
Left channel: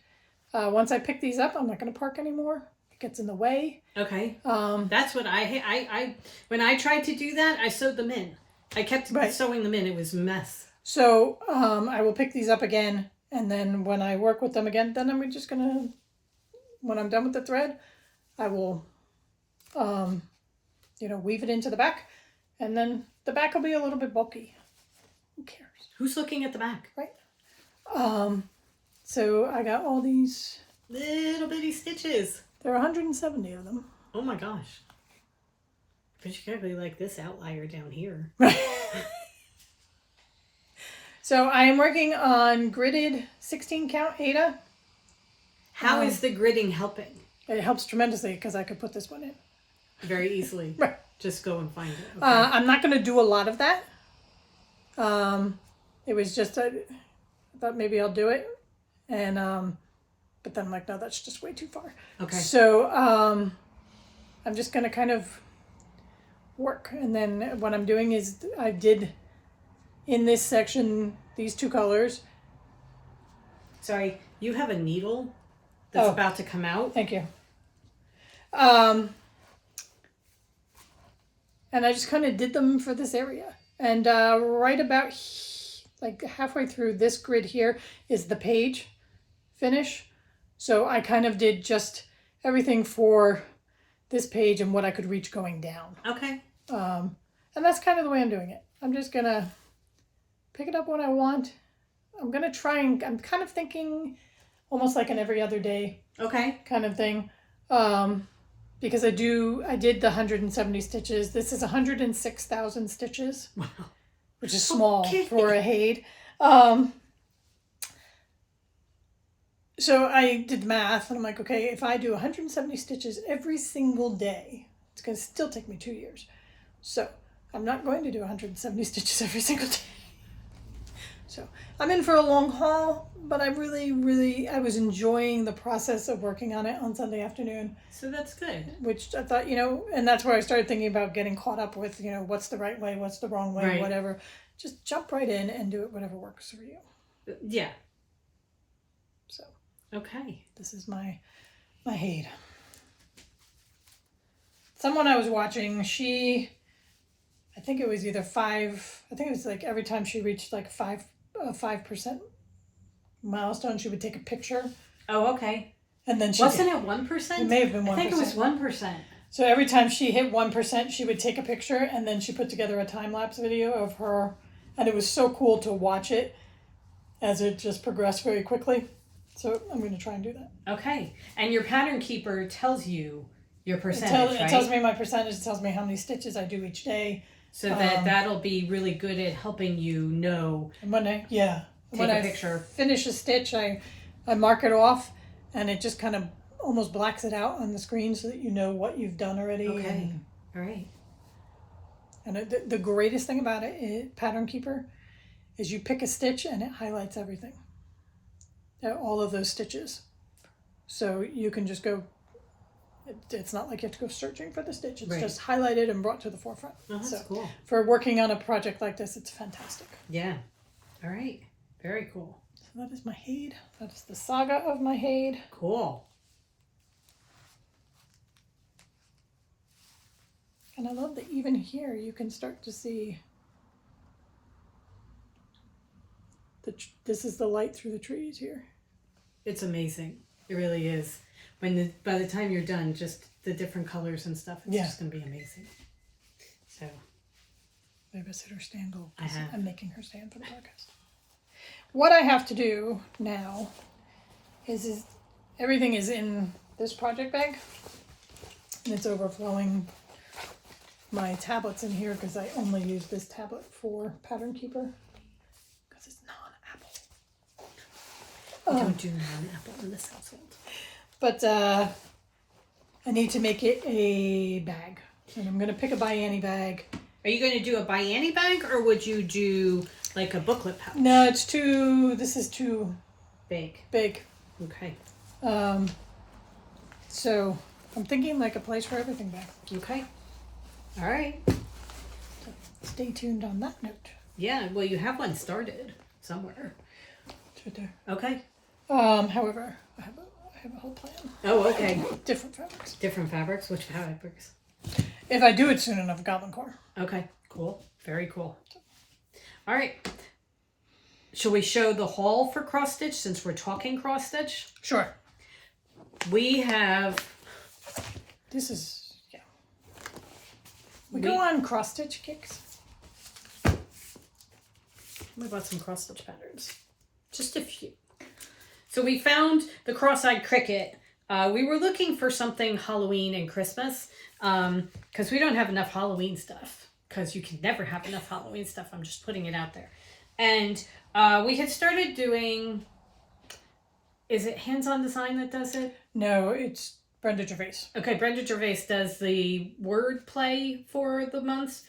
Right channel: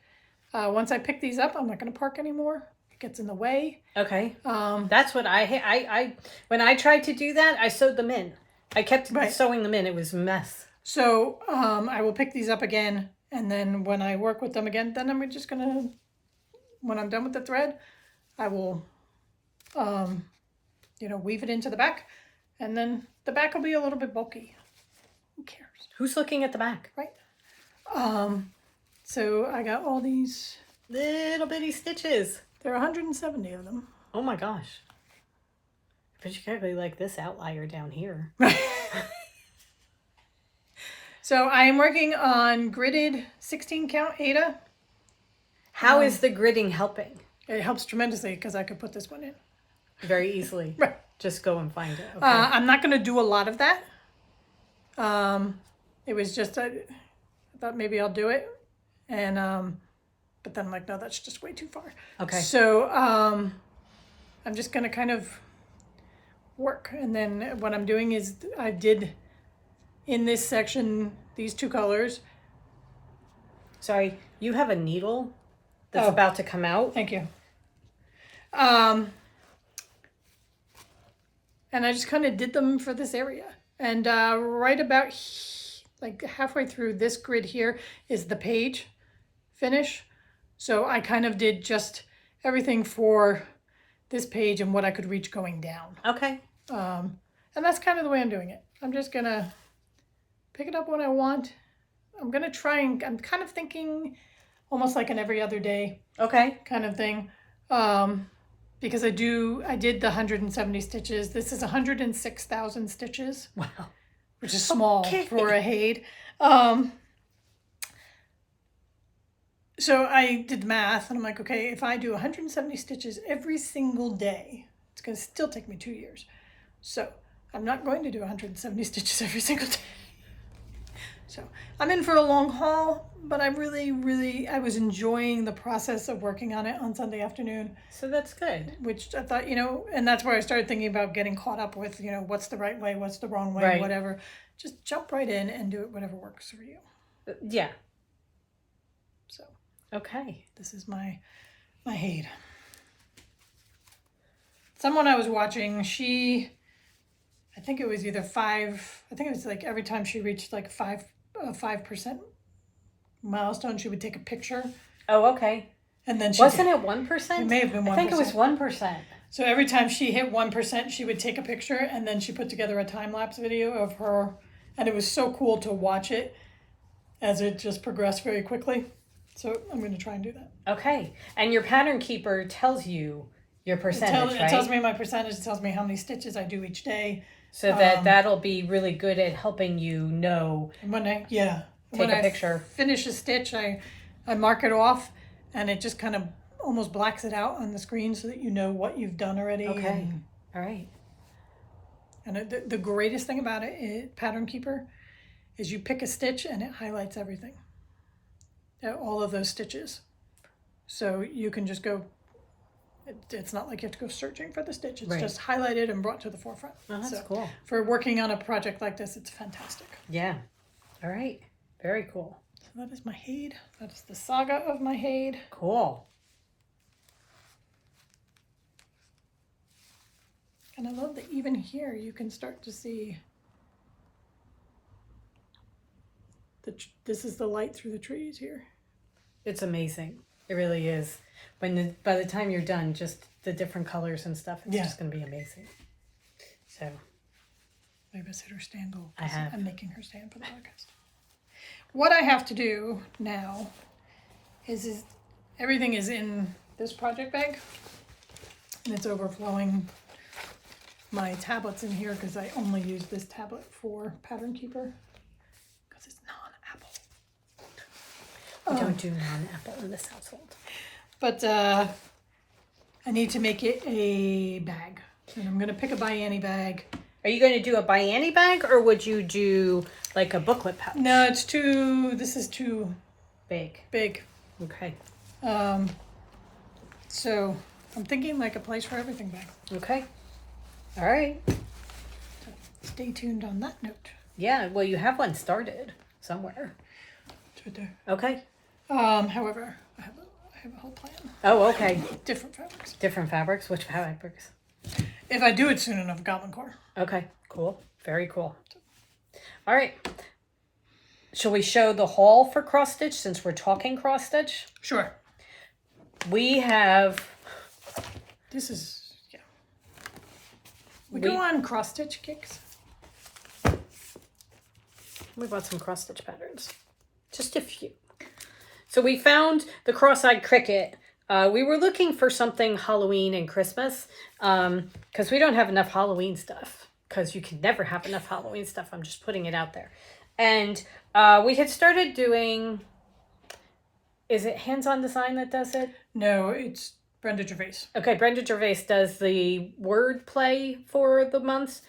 Once I pick these up, I'm not going to park anymore. It gets in the way. Okay. That's what I when I tried to do that, I sewed them in. I kept sewing them in. It was a mess. So I will pick these up again, and then when I work with them again, then I'm just going to, when I'm done with the thread, I will, weave it into the back, and then the back will be a little bit bulky. Who cares? Who's looking at the back? Right. So I got all these little bitty stitches. There are 170 of them. Oh my gosh. But you gotta be like this outlier down here. So I am working on gridded 16 count Aida. How is the gridding helping? It helps tremendously because I could put this one in. Very easily. Right. Just go and find it. Okay. I'm not going to do a lot of that. It was just, I thought maybe I'll do it. And, but then I'm like, no, that's just way too far. Okay. So I'm just going to kind of work. And then what I'm doing is I did in this section these 2 colors. Sorry, you have a needle that's about to come out. Thank you. And I just kind of did them for this area. And right about like halfway through this grid here is the page finish. So I kind of did just everything for this page and what I could reach going down. Okay. And that's kind of the way I'm doing it. I'm just going to pick it up when I want. I'm going to try and I'm kind of thinking almost like an every other day kind of thing. Because I did the 170 stitches. This is 106,000 stitches. Wow. Which is small for a Haid. So I did the math and I'm like, okay, if I do 170 stitches every single day, it's going to still take me 2 years. So I'm not going to do 170 stitches every single day. So I'm in for a long haul, but I really, I was enjoying the process of working on it on Sunday afternoon. So that's good. Which I thought, and that's where I started thinking about getting caught up with, what's the right way, what's the wrong way, whatever. Just jump right in and do it whatever works for you. Yeah. So. Okay. This is my Haid. Someone I was watching, I think it was either 5, I think it was like every time she reached like 5% milestone, she would take a picture. Oh, okay. And then wasn't it 1%? It may have been 1%. I think it was 1%. So every time she hit 1%, she would take a picture and then she put together a time-lapse video of her. And it was so cool to watch it as it just progressed very quickly. So I'm going to try and do that. Okay. And your pattern keeper tells you your percentage, It tells me my percentage. It tells me how many stitches I do each day. So that'll be really good at helping you know. And when I picture. Finish a stitch, I mark it off, and it just kind of almost blacks it out on the screen so that you know what you've done already. Okay. All right. And the greatest thing about Pattern Keeper, is you pick a stitch and it highlights everything. All of those stitches. So you can just go, it's not like you have to go searching for the stitch. It's just highlighted and brought to the forefront. Oh, that's cool. For working on a project like this, it's fantastic. Yeah. All right. Very cool. So that is my Haid. That is the saga of my Haid. Cool. And I love that even here you can start to see this is the light through the trees here. It's amazing. It really is. By the time you're done, just the different colors and stuff, it's just going to be amazing. So. Babysitter stand goal. I have. I'm making her stand for the podcast. What I have to do now is everything is in this project bag. And it's overflowing my tablets in here because I only use this tablet for Pattern Keeper because it's non-Apple. We don't do non-Apple in this household. But I need to make it a bag. And I'm going to pick a Bianni bag. Are you going to do a Bianni bag or would you do like a booklet pouch? No, this is too big. Okay. So I'm thinking like a place for everything bag. Okay. All right. Stay tuned on that note. Yeah, well, you have one started somewhere. It's right there. Okay. However, I have a whole plan. Oh, okay. Different fabrics. Different fabrics? Which fabrics? If I do it soon enough, Goblin Core. Okay, cool. Very cool. All right. Shall we show the haul for cross stitch since we're talking cross stitch? Sure. We have... This is, We go on cross stitch kicks. We bought some cross stitch patterns. Just a few. So we found the cross-eyed cricket. We were looking for something Halloween and Christmas because we don't have enough Halloween stuff because you can never have enough Halloween stuff. I'm just putting it out there. And we had started doing, is it Hands-On Design that does it? No, it's Brenda Gervais. Okay, Brenda Gervais does the word play for the months,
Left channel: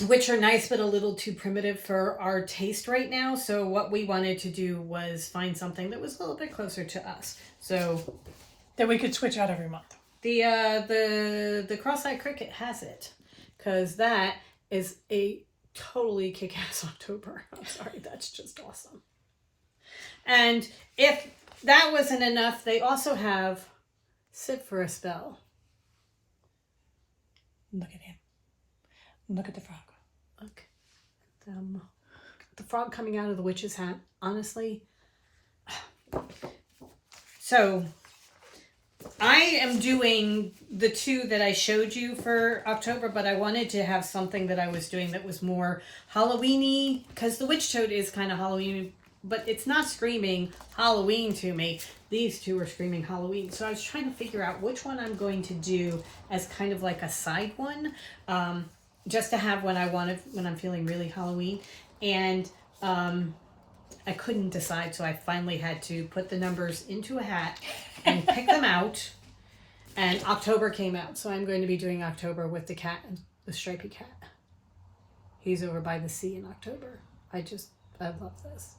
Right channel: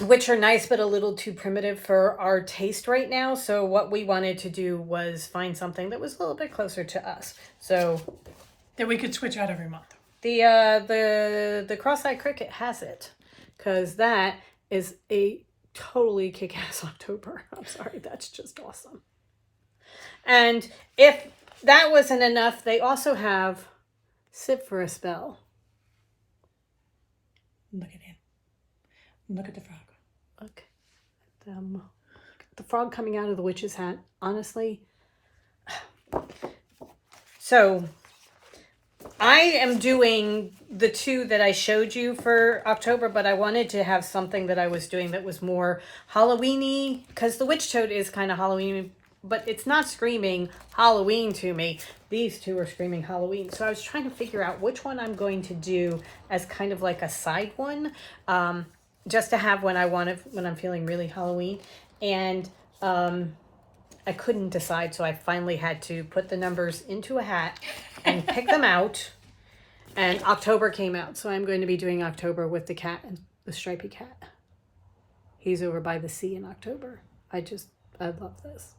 which are nice but a little too primitive for our taste right now. So what we wanted to do was find something that was a little bit closer to us. So that we could switch out every month. The cross-eyed cricket has it, because that is a totally kick-ass October. I'm sorry, that's just awesome. And if that wasn't enough, they also have Sit for a Spell. Look at him. Look at the frog. Look at them. The frog coming out of the witch's hat. Honestly. So, I am doing the 2 that I showed you for October, but I wanted to have something that I was doing that was more Halloween-y, because the witch toad is kind of Halloween, but it's not screaming Halloween to me. These 2 are screaming Halloween. So I was trying to figure out which one I'm going to do as kind of like a side one, just to have when I'm feeling really Halloween. And I couldn't decide, so I finally had to put the numbers into a hat and pick them out. And October came out, so I'm going to be doing October with the cat, and the stripy cat. He's over by the sea in October. I love this.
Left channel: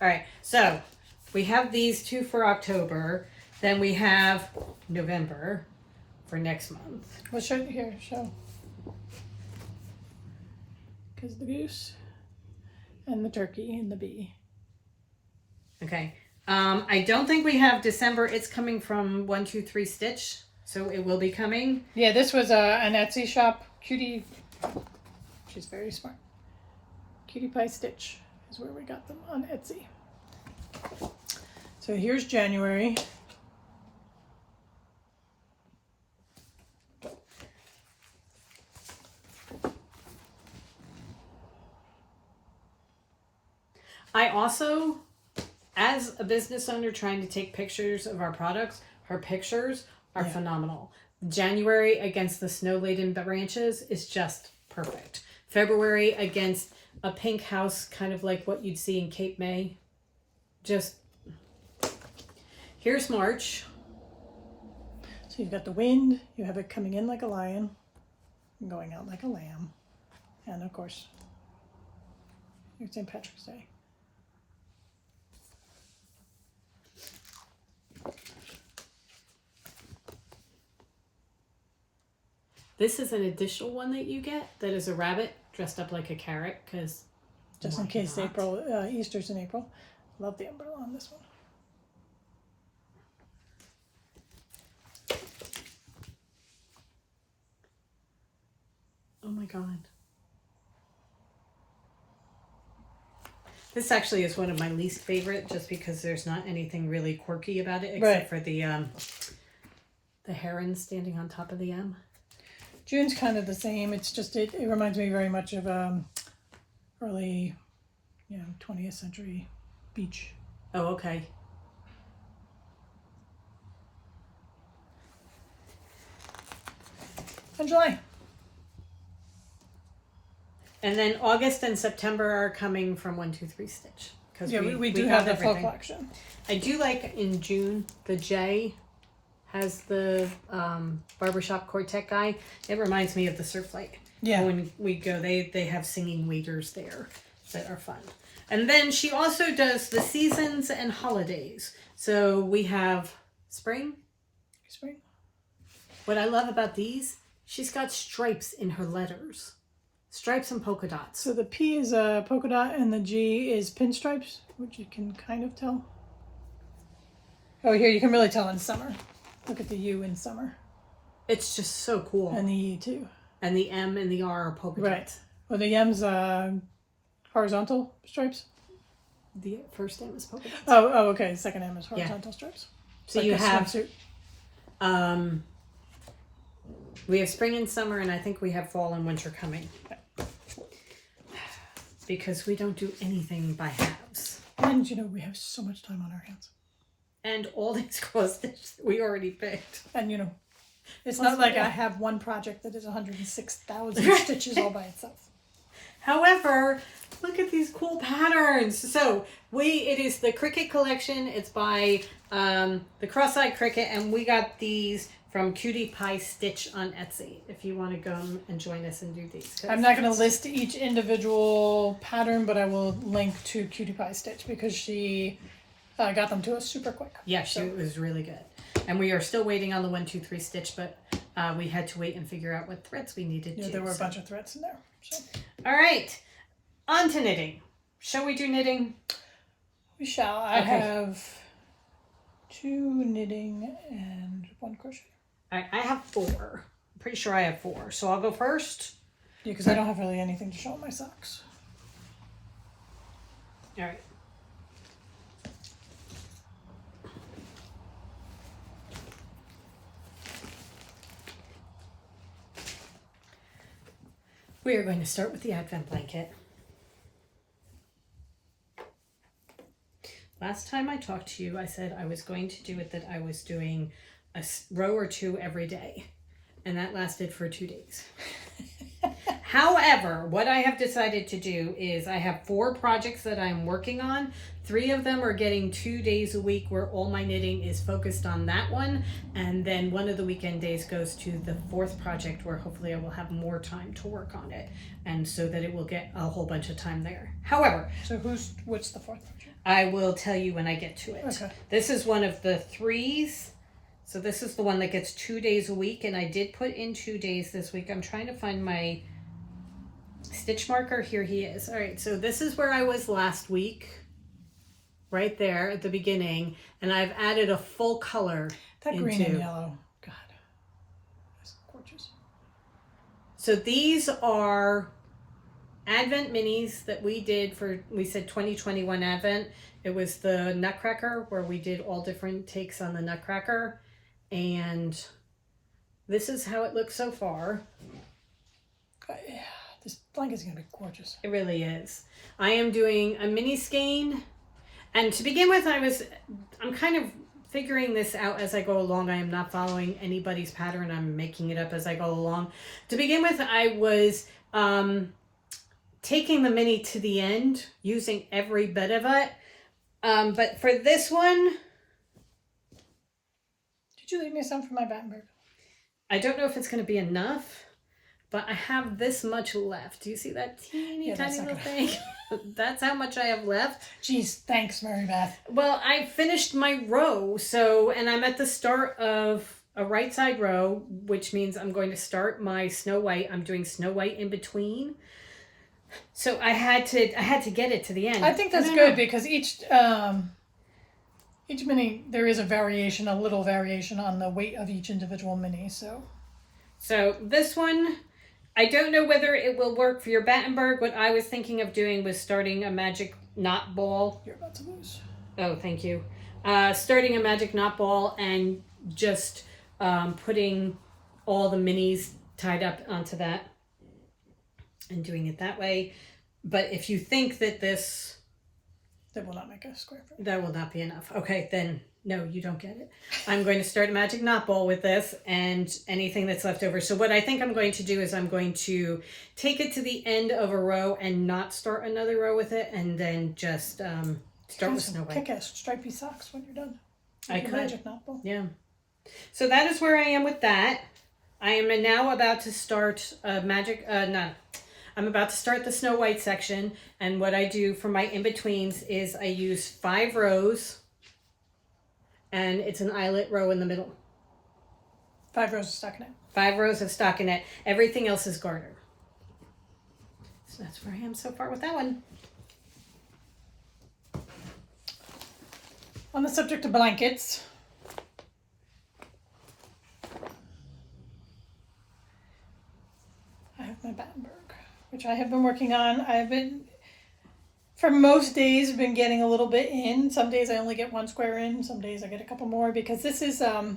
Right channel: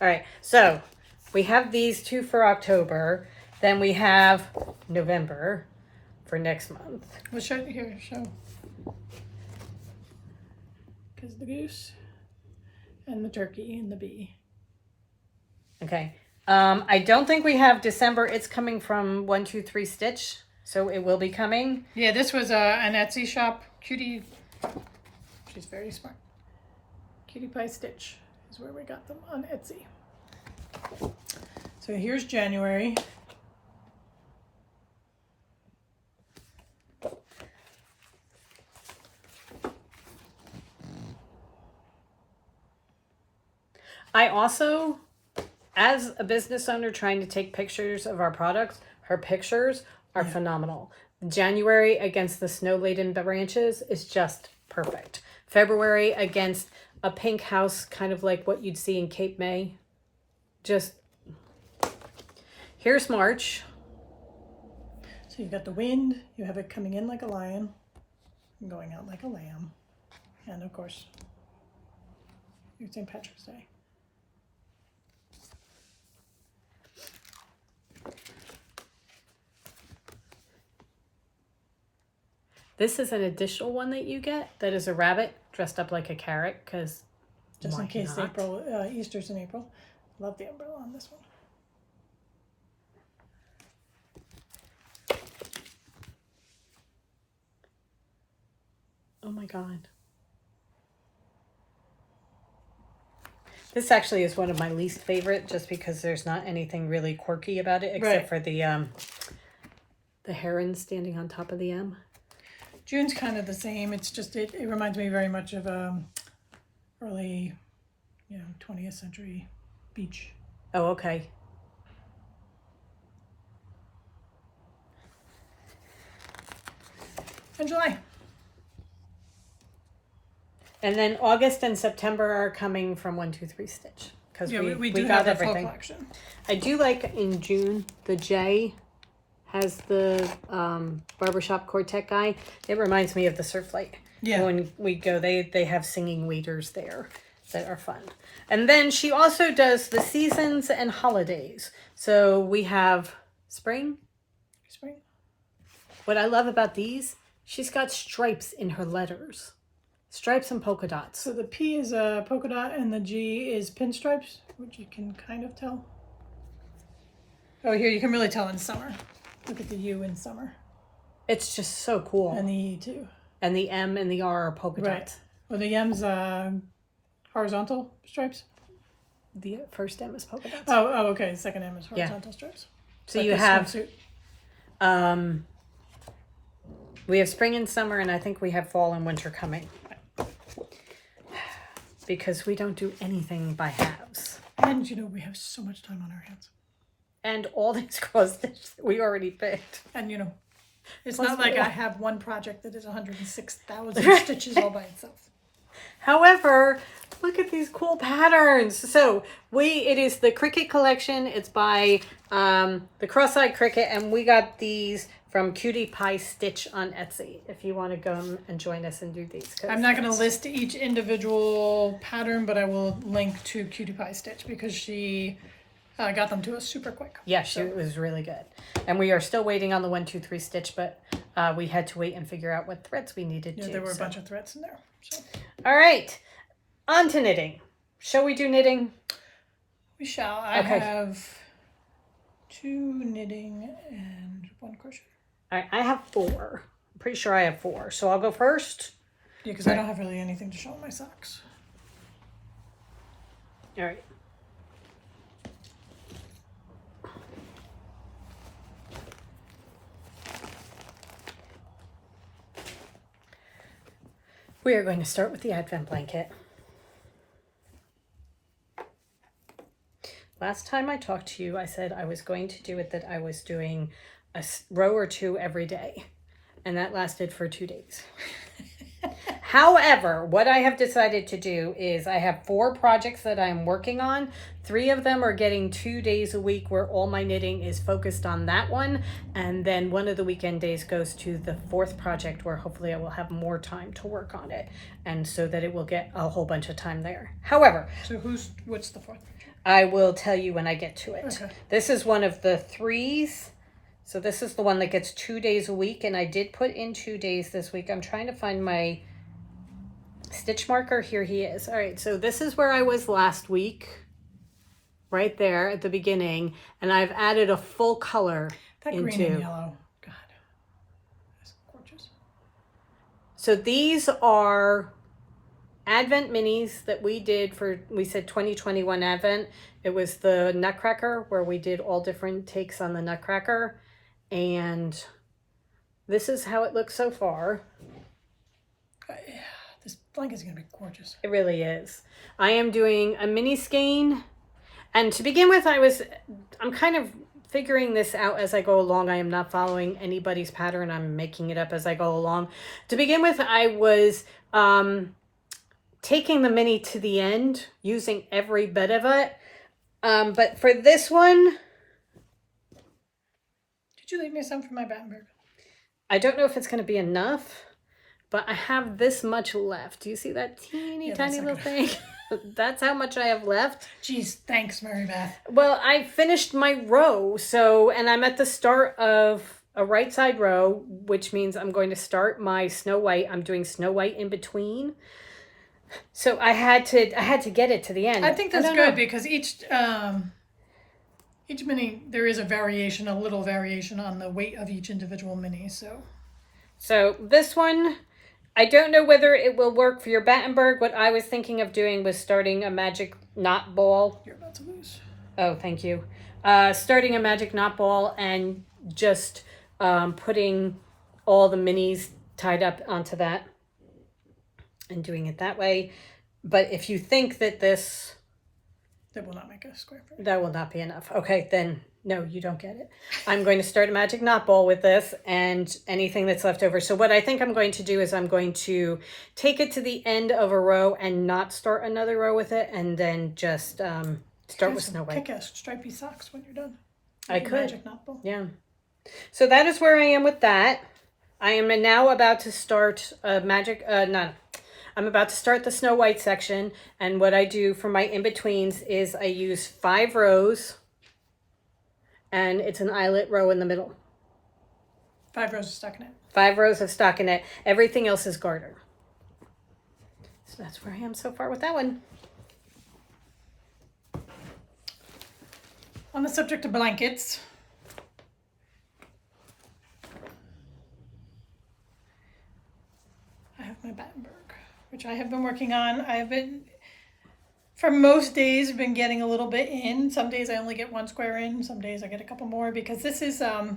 All right, so we have these 2 for October. Then we have November for next month. Well, show. Because the goose and the turkey and the bee. Okay. I don't think we have December. It's coming from 123 Stitch, so it will be coming. Yeah, this was an Etsy shop. Cutie. She's very smart. Cutie Pie Stitch is where we got them on Etsy. So here's January. I also, as a business owner trying to take pictures of our products, her pictures are phenomenal. January against the snow-laden branches is just perfect. February against a pink house, kind of like what you'd see in Cape May. Just, here's March. So you've got the wind, you have it coming in like a lion, and going out like a lamb. And of course, it's St. Patrick's Day. This is an additional one that you get that is a rabbit dressed up like a carrot, because just in case Easter's in April. Love the umbrella on this one. Oh my god. This actually is one of my least favorite, just because there's not anything really quirky about it except for the heron standing on top of the M. June's kind of the same. It's just it reminds me very much of early, 20th century beach. Oh, okay. And July. And then August and September are coming from 123 Stitch. Because we do have the full collection. I do like in June, the J has the barbershop quartet guy. It reminds me of the Surf Light. Yeah. When we go, they have singing leaders there that are fun. And then she also does the seasons and holidays. So we have spring. What I love about these, she's got stripes in her letters. Stripes and polka dots. So the P is a polka dot and the G is pinstripes, which you can kind of tell. Oh, here you can really tell in summer. Look at the U in summer. It's just so cool. And the E too. And the M and the R are polka dots. Well, the M's horizontal stripes. The first M is polka dots. Oh, okay. The second M is horizontal stripes. So like you have we have spring and summer, and I think we have fall and winter coming. Because we don't do anything by halves. And we have so much time on our hands. And all these cross stitches we already picked. And it's not like I have one project that is 106,000 stitches all by itself. However, look at these cool patterns. So it is the Cricket collection. It's by the Cross-Eyed Cricket, and we got these from Cutie Pie Stitch on Etsy. If you want to go and join us and do these. I'm not going to list each individual pattern, but I will link to Cutie Pie Stitch because she I got them to us super quick. Yeah, it was really good. And we are still waiting on the 1, 2, 3 stitch, but we had to wait and figure out what threads we needed to. Yeah, there were a bunch of threads in there. So. All right, on to knitting. Shall we do knitting? We shall. I have 2 knitting and 1 crochet. All right, I have 4. I'm pretty sure I have 4. So I'll go first. Yeah, because I don't have really anything to show in my socks. All right. We are going to start with the Advent blanket. Last time I talked to you, I said I was going to do it that I was doing a row or 2 every day. And that lasted for 2 days. However, what I have decided to do is I have 4 projects that I'm working on. 3 of them are getting 2 days a week where all my knitting is focused on that one. And then one of the weekend days goes to the 4th project where hopefully I will have more time to work on it. And so that it will get a whole bunch of time there. However. So what's the 4th project? I will tell you when I get to it. Okay. This is one of the 3s. So this is the one that gets 2 days a week. And I did put in 2 days this week. I'm trying to find my stitch marker. Here he is. All right, so this is where I was last week, right there at the beginning, and I've added a full color. That green and yellow, God, that's gorgeous. So these are Advent minis that we did we said 2021 Advent. It was the Nutcracker where we did all different takes on the Nutcracker, and this is how it looks so far. Yeah. This blanket's going to be gorgeous. It really is. I am doing a mini skein. And to begin with, I'm kind of figuring this out as I go along. I am not following anybody's pattern. I'm making it up as I go along. To begin with, I was taking the mini to the end, using every bit of it. But for this one... Did you leave me some for my Battenberg? I don't know if it's going to be enough. But I have this much left. Do you see that teeny tiny little thing? That's how much I have left. Jeez, thanks, Mary Beth. Well, I finished my row, and I'm at the start of a right side row, which means I'm going to start my Snow White. I'm doing Snow White in between. So I had to get it to the end. I think that's good because each mini, there is a little variation on the weight of each individual mini. So this one, I don't know whether it will work for your Battenberg. What I was thinking of doing was starting a magic knot ball. You're about to lose. Oh, thank you. Starting a magic knot ball and just putting all the minis tied up onto that and doing it that way. But if you think that that will not make a square. That will not be enough. Okay, then no, you don't get it. I'm going to start a magic knot ball with this and anything that's left over. So what I think I'm going to do is I'm going to take it to the end of a row and not start another row with it, and then just start with Snow White. Kick-ass stripy socks when you're done. I could. Magic knot ball. Yeah. So that is where I am with that. I am now about to start I'm about to start the Snow White section, and what I do for my in-betweens is I use 5 rows, and it's an eyelet row in the middle. 5 rows of stockinette. 5 rows of stockinette. Everything else is garter. So that's where I am so far with that one. On the subject of blankets, I have my Battenberg, which I have been working on. I have been, for most days, been getting a little bit in. Some days I only get 1 square in. Some days I get a couple more because this is my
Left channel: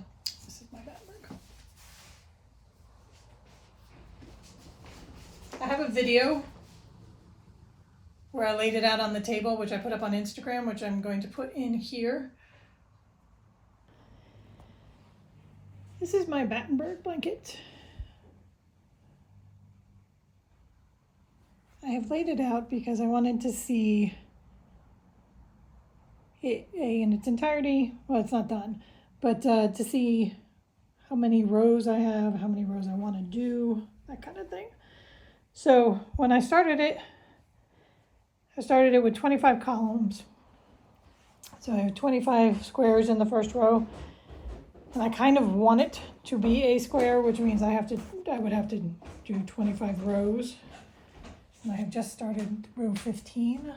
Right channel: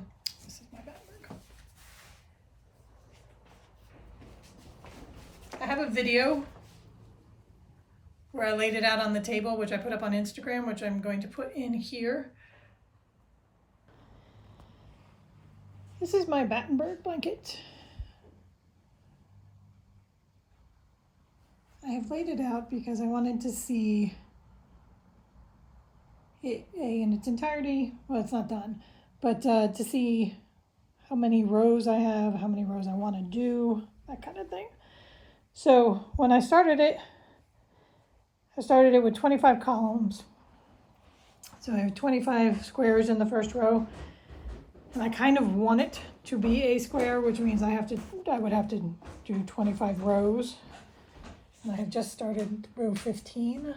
Battenberg. I have a video where I laid it out on the table, which I put up on Instagram, which I'm going to put in here. This is my Battenberg blanket. I have laid it out because I wanted to see it in its entirety. Well, it's not done, but to see how many rows I have, how many rows I want to do, that kind of thing. So when I started it with 25 columns. So I have 25 squares in the first row. And I kind of want it to be a square, which means I would have to do 25 rows. And I have just started row 15,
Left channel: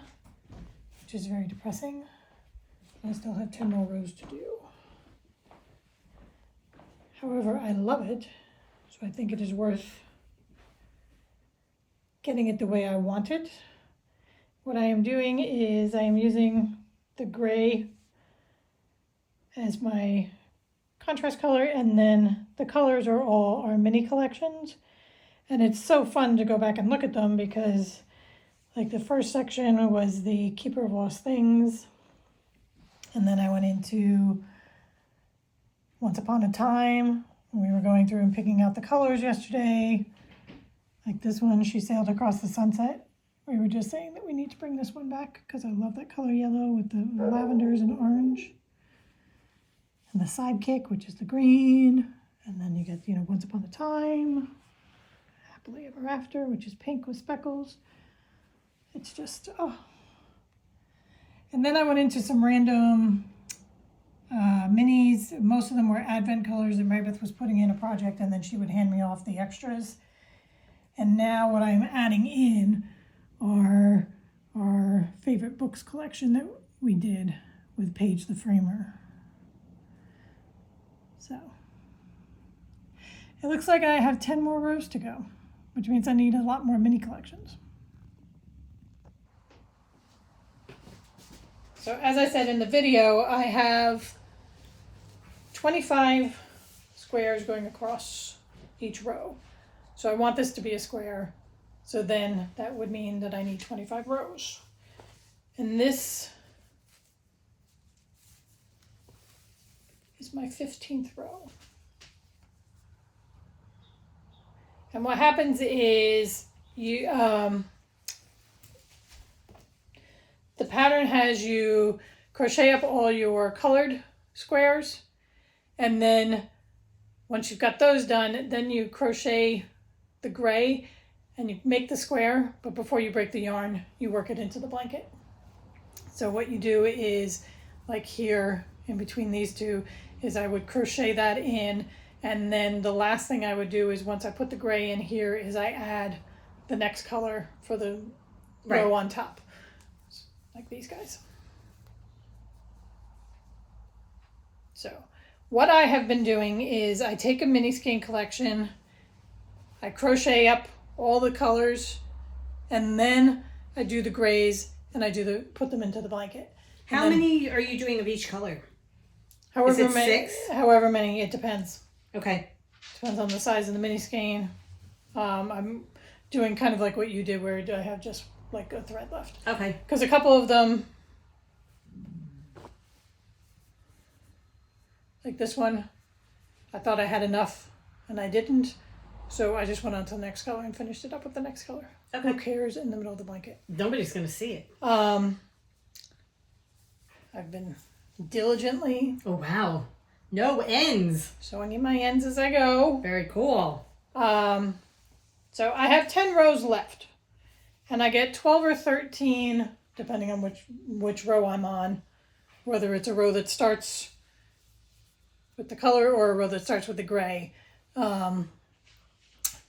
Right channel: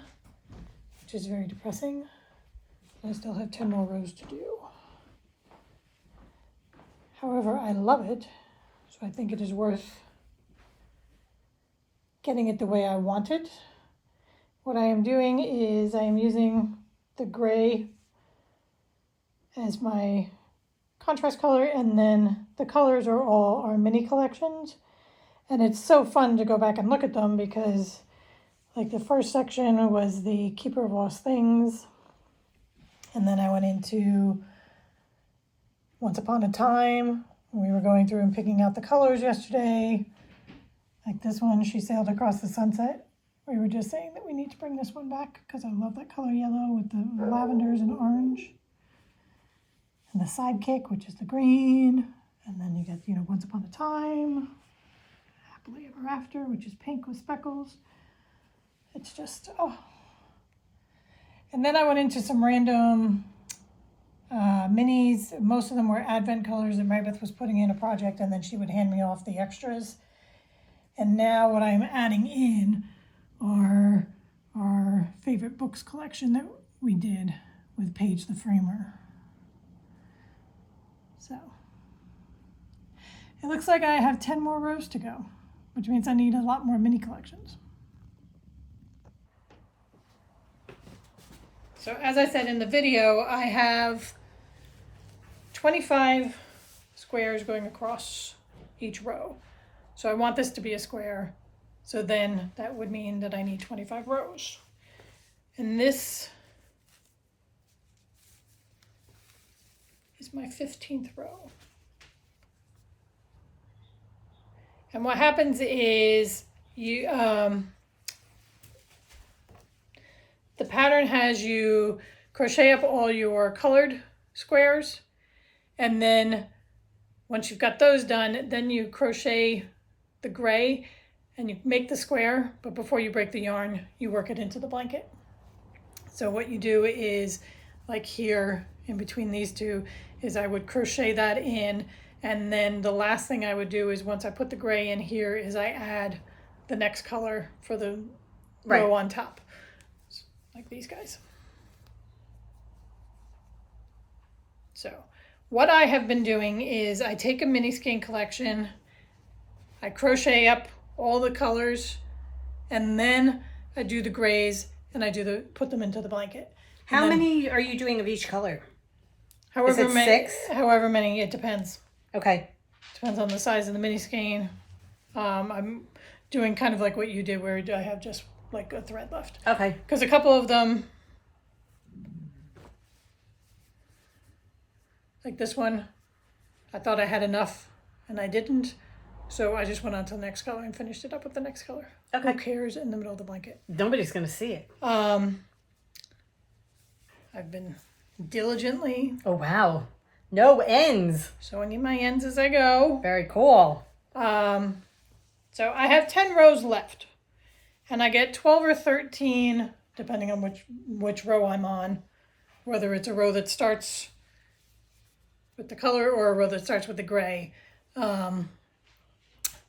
which is very depressing. I still have 10 more rows to do. However, I love it, so I think it is worth getting it the way I want it. What I am doing is I am using the gray as my contrast color, and then the colors are all our mini collections. And it's so fun to go back and look at them because like the first section was the Keeper of Lost Things. And then I went into Once Upon a Time. We were going through and picking out the colors yesterday. Like this one, She Sailed Across the Sunset. We were just saying that we need to bring this one back because I love that color yellow with the lavenders and orange. And the Sidekick, which is the green. And then you get, Once Upon a Time, Happily Ever After, which is pink with speckles. It's just, oh. And then I went into some random minis. Most of them were Advent colors that Marybeth was putting in a project, and then she would hand me off the extras. And now what I'm adding in are our favorite books collection that we did with Paige the Framer. So it looks like I have 10 more rows to go, which means I need a lot more mini collections. So as I said in the video, I have 25 squares going across each row. So I want this to be a square. So then that would mean that I need 25 rows. And this is my 15th row. And what happens is you the pattern has you crochet up all your colored squares, and then once you've got those done, then you crochet the gray and you make the square, but before you break the yarn, you work it into the blanket. So what you do is, like here in between these two, is I would crochet that in, and then the last thing I would do is once I put the gray in here is I add the next color for the row on top. Like these guys. So what I have been doing is I take a mini skein collection, I crochet up all the colors, and then I do the grays and I put them into the blanket. How many are you doing of each color? However many, 6? However many, it depends. Okay. Depends on the size of the mini skein. I'm doing kind of like what you did, where I have just like a thread left. Okay. Because a couple of them, like this one, I thought I had enough and I didn't. So I just went on to the next color and finished it up with the next color. Okay. Who cares in the middle of the blanket? Nobody's going to see it. I've been diligently. Oh, wow. No ends. Showing you my ends as I go. Very cool. So I have 10 rows left. And I get 12 or 13, depending on which row I'm on, whether it's a row that starts with the color or a row that starts with the gray. 12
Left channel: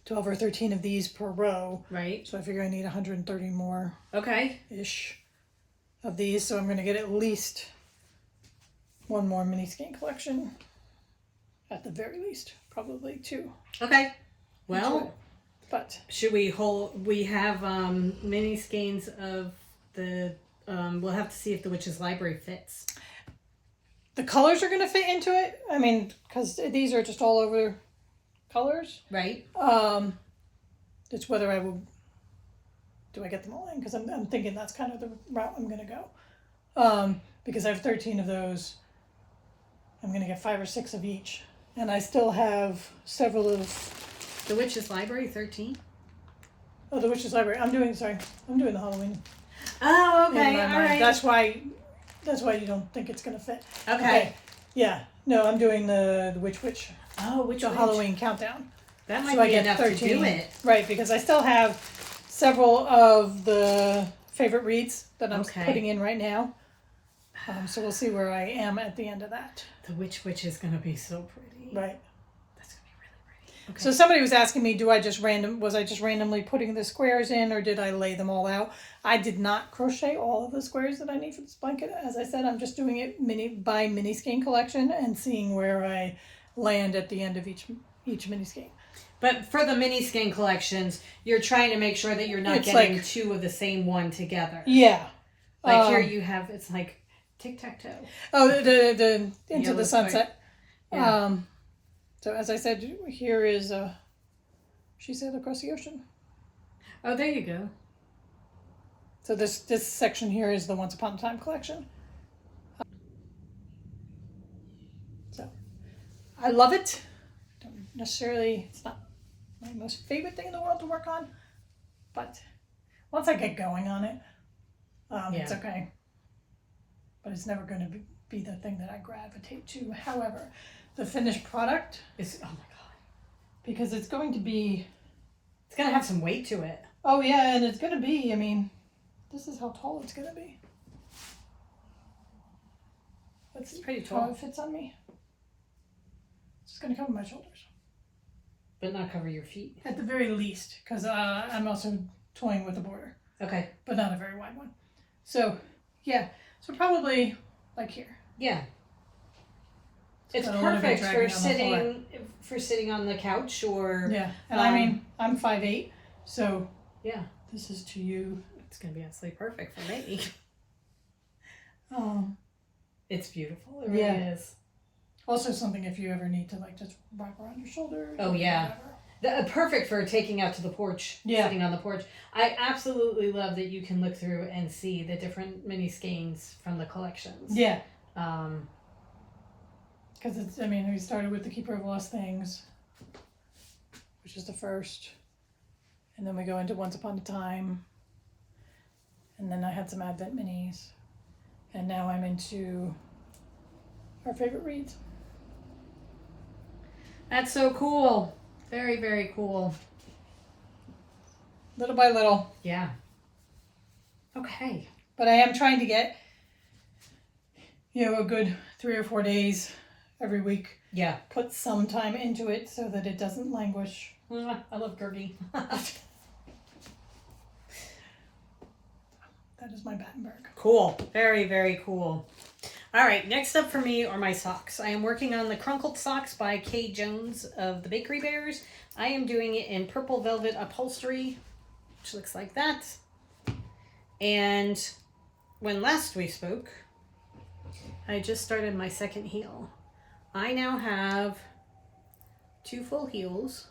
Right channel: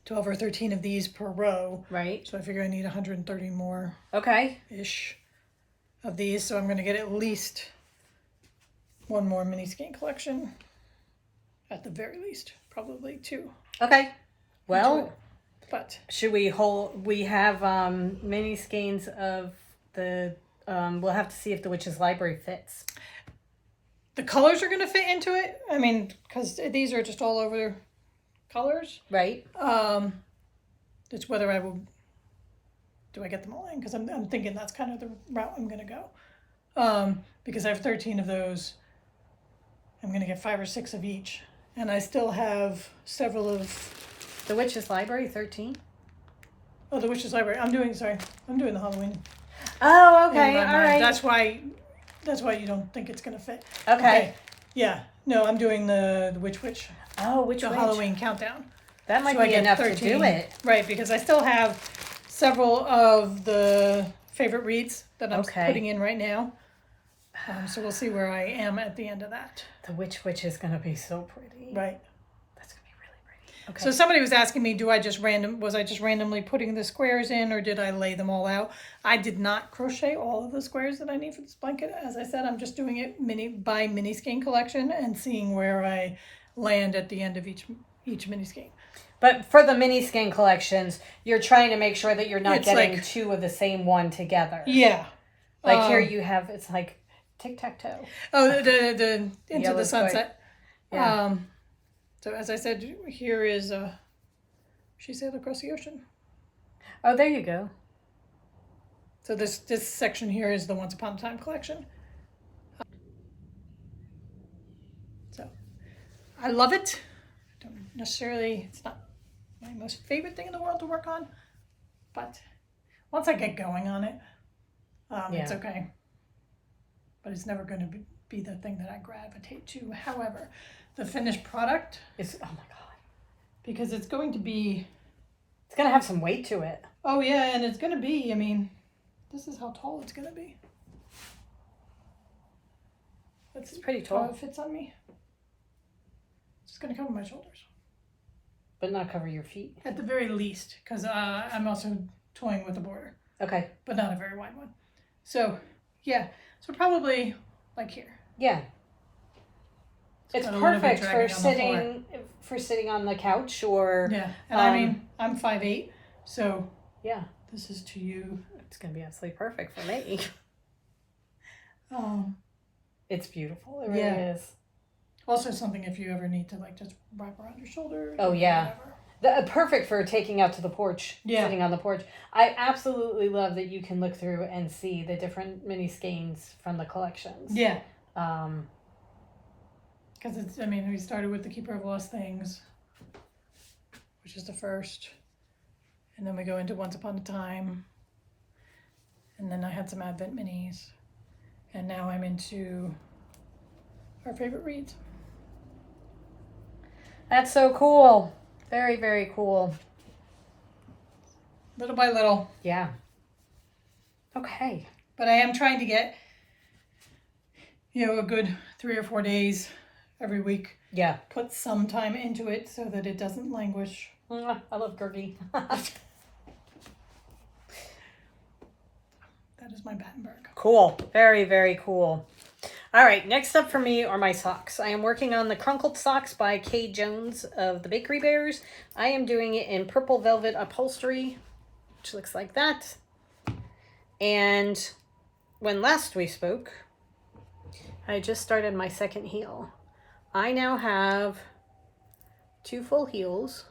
or 13 of these per row. Right. So I figure I need 130 more. Okay-ish of these. So I'm going to get at least one more mini skein collection. At the very least, probably 2. Okay. Well, but should we we have mini skeins of the, we'll have to see if the Witch's Library fits. the colors are going to fit into it. I mean, because these are just all over colors. Right. It's whether I will, do I get them all in? Because I'm thinking that's kind of the route I'm going to go. Because I have 13 of those. I'm going to get 5 or 6 of each. And I still have several of... The Witch's Library, 13? Oh, the Witch's Library. I'm doing the Halloween. Oh, okay. All right. That's why you don't think it's going to fit. Okay. Yeah. No, I'm doing the Witch. Oh, which The Halloween countdown. That might So I be get enough 13. to do it. Right, because I still have several of the favorite reads that I'm Okay. putting in right now. So we'll see where I am at the end of that. The witch is going to be so pretty. Right. That's going to be really pretty. Okay. So somebody was asking me, was I just randomly putting the squares in, or did I lay them all out? I did not crochet all of the squares that I need for this blanket. As I said, I'm just doing it by mini skein collection and seeing where I land at the end of each mini skein. But for the mini skein collections, you're trying to make sure that you're not getting like, two of the same one together. Yeah. Like here you have, it's like tic-tac-toe. Oh, the Into the Sunset. Yeah. So as I said, here is She Sailed Across the Ocean. Oh, there you go. So this section here is the Once Upon a Time collection. So I love it. Don't necessarily, it's not my most favorite thing in the world to work on, but once I get going on it, it's okay. But it's never going to be the thing that I gravitate to. However, the finished product is, oh my God. Because it's going to have some weight to it. Oh yeah, and it's going to be, I mean, this is how tall it's going to be. It's pretty tall. How it fits on me. It's going to cover my shoulders. But not cover your feet. At the very least, because I'm also toying with the border. Okay. But not a very wide one. So, yeah. So probably like here. Yeah. It's perfect for sitting on the couch or... Yeah. And I mean, I'm 5'8", so... Yeah. This is to you. It's going to be absolutely perfect for me. It's beautiful. It really is. Also something if you ever need to like just wrap around your shoulders. Oh yeah. Perfect for taking out to the porch. Yeah. Sitting on the porch. I absolutely love that you can look through and see the different mini skeins from the collections. Yeah. Because it's, I mean, we started with the Keeper of Lost Things, which is the first. And then we go into Once Upon a Time. And then I had some Advent minis. And now I'm into our favorite reads. That's so cool. Very, very cool. Little by little. Yeah. Okay. But I am trying to get, a good 3 or 4 days every week. Yeah. Put some time into it so that it doesn't languish. I love Gergie. That is my Battenberg. Cool. Very, very cool. All right, next up for me are my socks. I am working on the Crunkled Socks by Kay Jones of the Bakery Bears. I am doing it in purple velvet upholstery, which looks like that. And when last we spoke, I just started my second heel. I now have 2 full heels.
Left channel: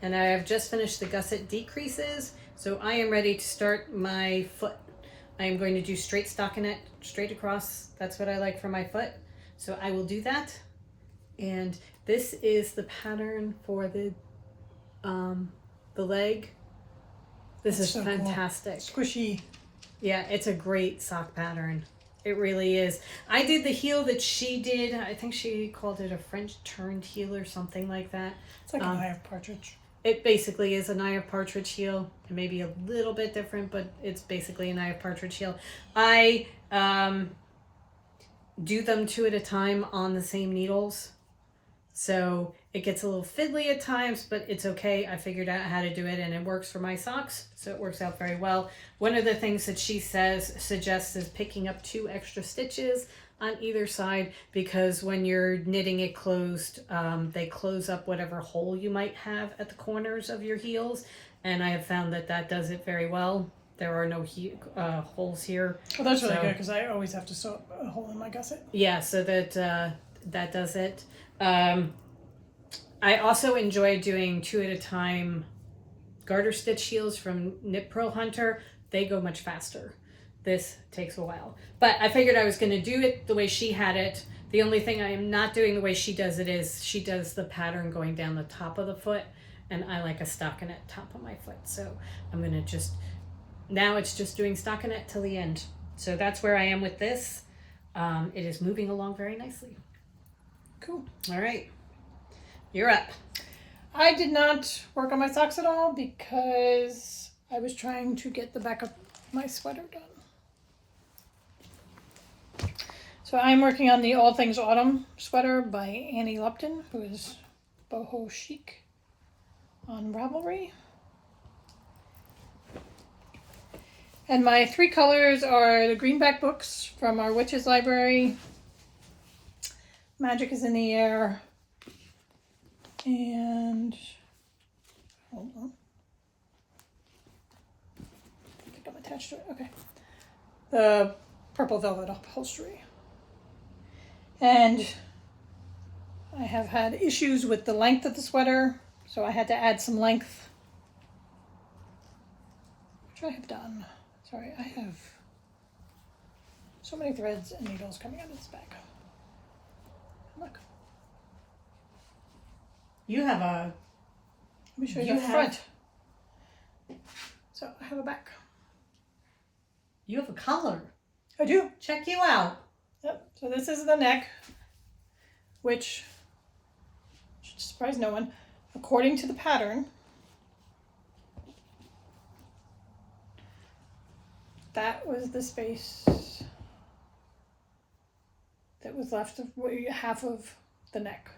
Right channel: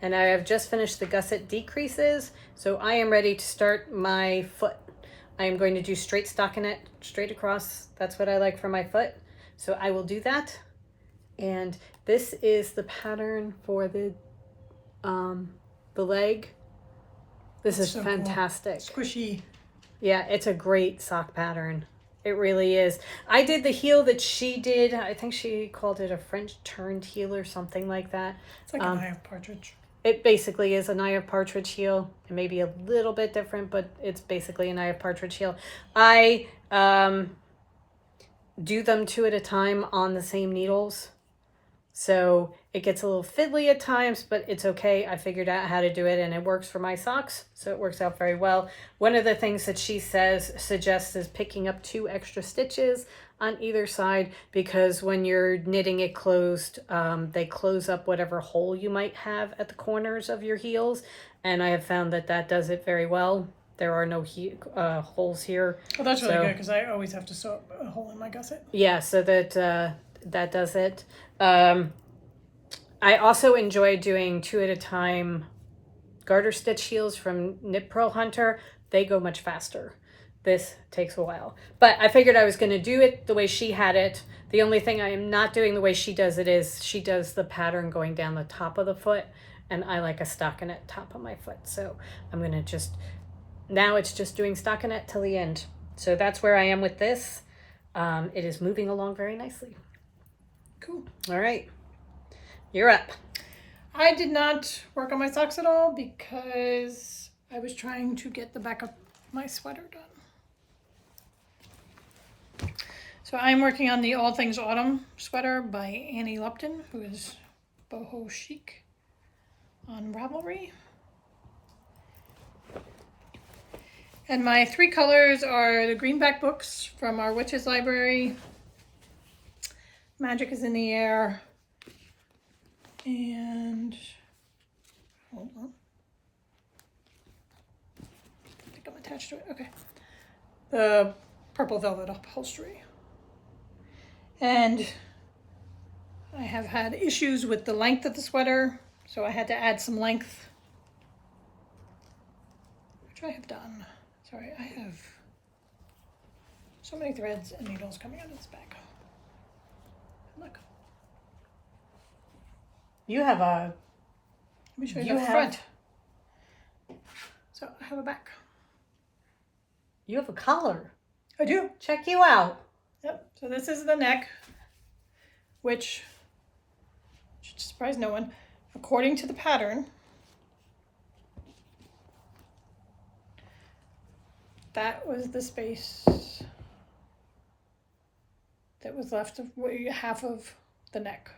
And I have just finished the gusset decreases, so I am ready to start my foot. I am going to do straight stockinette, straight across. That's what I like for my foot. So I will do that. And this is the pattern for the leg. This is so fantastic. Cool. Squishy. Yeah, it's a great sock pattern. It really is. I did the heel that she did. I think she called it a French turned heel or something like that. It's like an eye of partridge. It basically is an eye of partridge heel. It may be a little bit different, but it's basically an eye of partridge heel. I do them 2 at a time on the same needles. So it gets a little fiddly at times, but it's okay. I figured out how to do it and it works for my socks. So it works out very well. One of the things that she suggests is picking up 2 extra stitches on either side, because when you're knitting it closed, they close up whatever hole you might have at the corners of your heels. And I have found that that does it very well. There are no holes here. Well, that's really good, because I always have to sew up a hole in my gusset. Yeah, so that that does it. I also enjoy doing 2 at a time garter stitch heels from Knit Pearl Hunter. They go much faster. This takes a while. But I figured I was going to do it the way she had it. The only thing I am not doing the way she does it is she does the pattern going down the top of the foot, and I like a stockinette top of my foot. So I'm going to just, now it's just doing stockinette till the end. So that's where I am with this. It is moving along very nicely. Cool. All right. You're up. I did not work on my socks at all because I was trying to get the backup my sweater done. So I'm working on the All Things Autumn sweater by Annie Lupton, who is boho chic on Ravelry. And my 3 colors are the greenback books from our Witches Library, Magic is in the Air, and hold on. I think I'm attached to it. Okay. The Purple Velvet Upholstery. And I have had issues with the length of the sweater, so I had to add some length, which I have done. Sorry, I have so many threads and needles coming out of this bag. Look. You have a... Let me show you the front. So I have a back. You have a collar. I do. Check you out. Yep. So this is the neck, which should surprise no one. According to the pattern, that was the space that was left of half of the neck,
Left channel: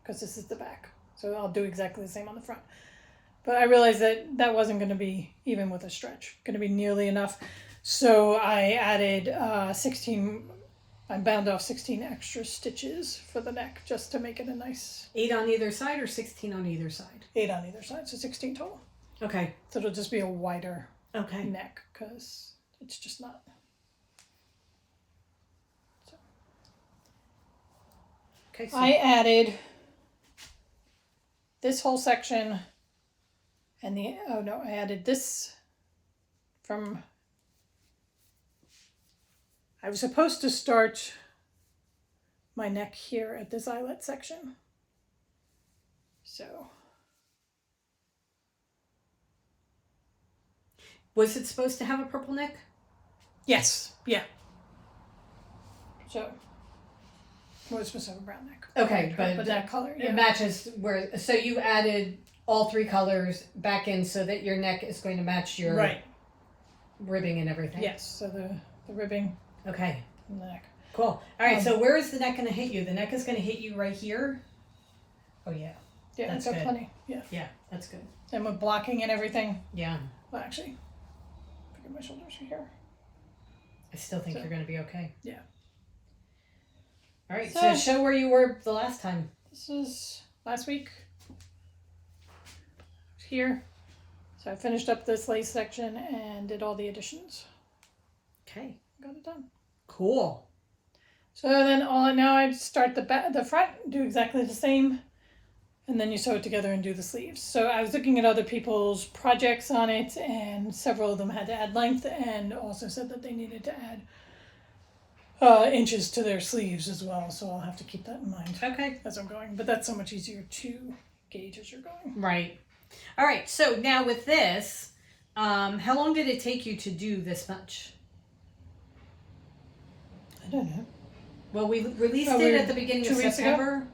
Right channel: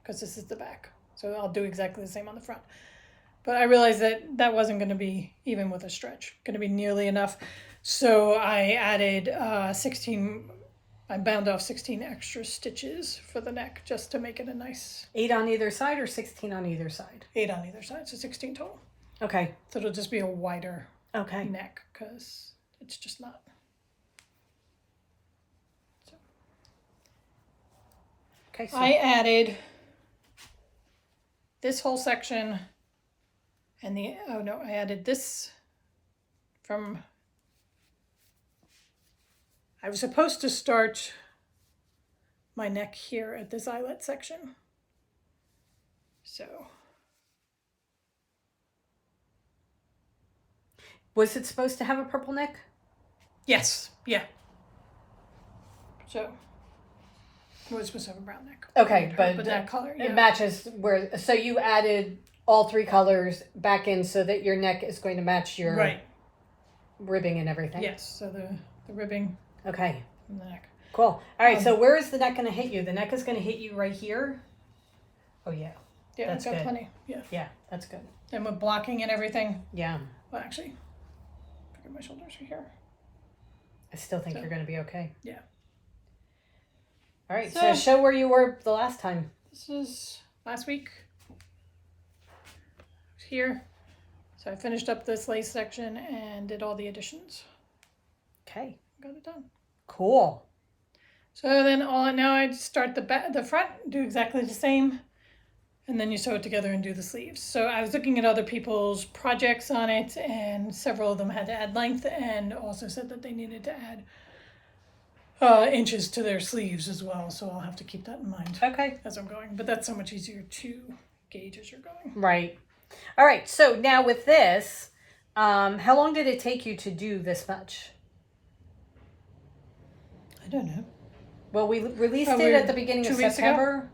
because this is the back. So I'll do exactly the same on the front. But I realized that that wasn't going to be, even with a stretch, going to be nearly enough. So I added 16, I bound off 16 extra stitches for the neck just to make it a nice... 8 on either side or 16 on either side? 8 on either side, so 16 total. Okay. So it'll just be a wider okay. neck because it's just not. So. Okay. So I added this whole section and the, oh no, I added this from, I was supposed to start my neck here at this eyelet section. So. Was it supposed to have a purple neck? Yes. Yeah. So. It was supposed to have a brown neck. Okay, but that color, yeah. It matches where, so you added all 3 colors back in so that your neck is going to match your right ribbing and everything. Yes, so the ribbing. Okay. And the neck. Cool. All right, so where is the neck going to hit you? The neck is going to hit you right here? Oh, yeah. Yeah, that's I've got good. plenty. Yeah. Yeah, that's good. And with blocking and everything. Yeah. Well, actually, figure my shoulders are here. I still think you're going to be okay. Yeah. All right, so show where you were the last time. This is last week. Here. So I finished up this lace section and did all the additions. Okay. Got it done. Cool. So then now I start the front, do exactly the same, and then you sew it together and do the sleeves. So I was looking at other people's projects on it, and several of them had to add length and also said that they needed to add inches to their sleeves as well. So I'll have to keep that in mind as I'm going. But that's so much easier to gauge as you're going. Right. All right. So now with this, how long did it take you to do this much? I don't know. Well, we released it at the beginning of September. Ago?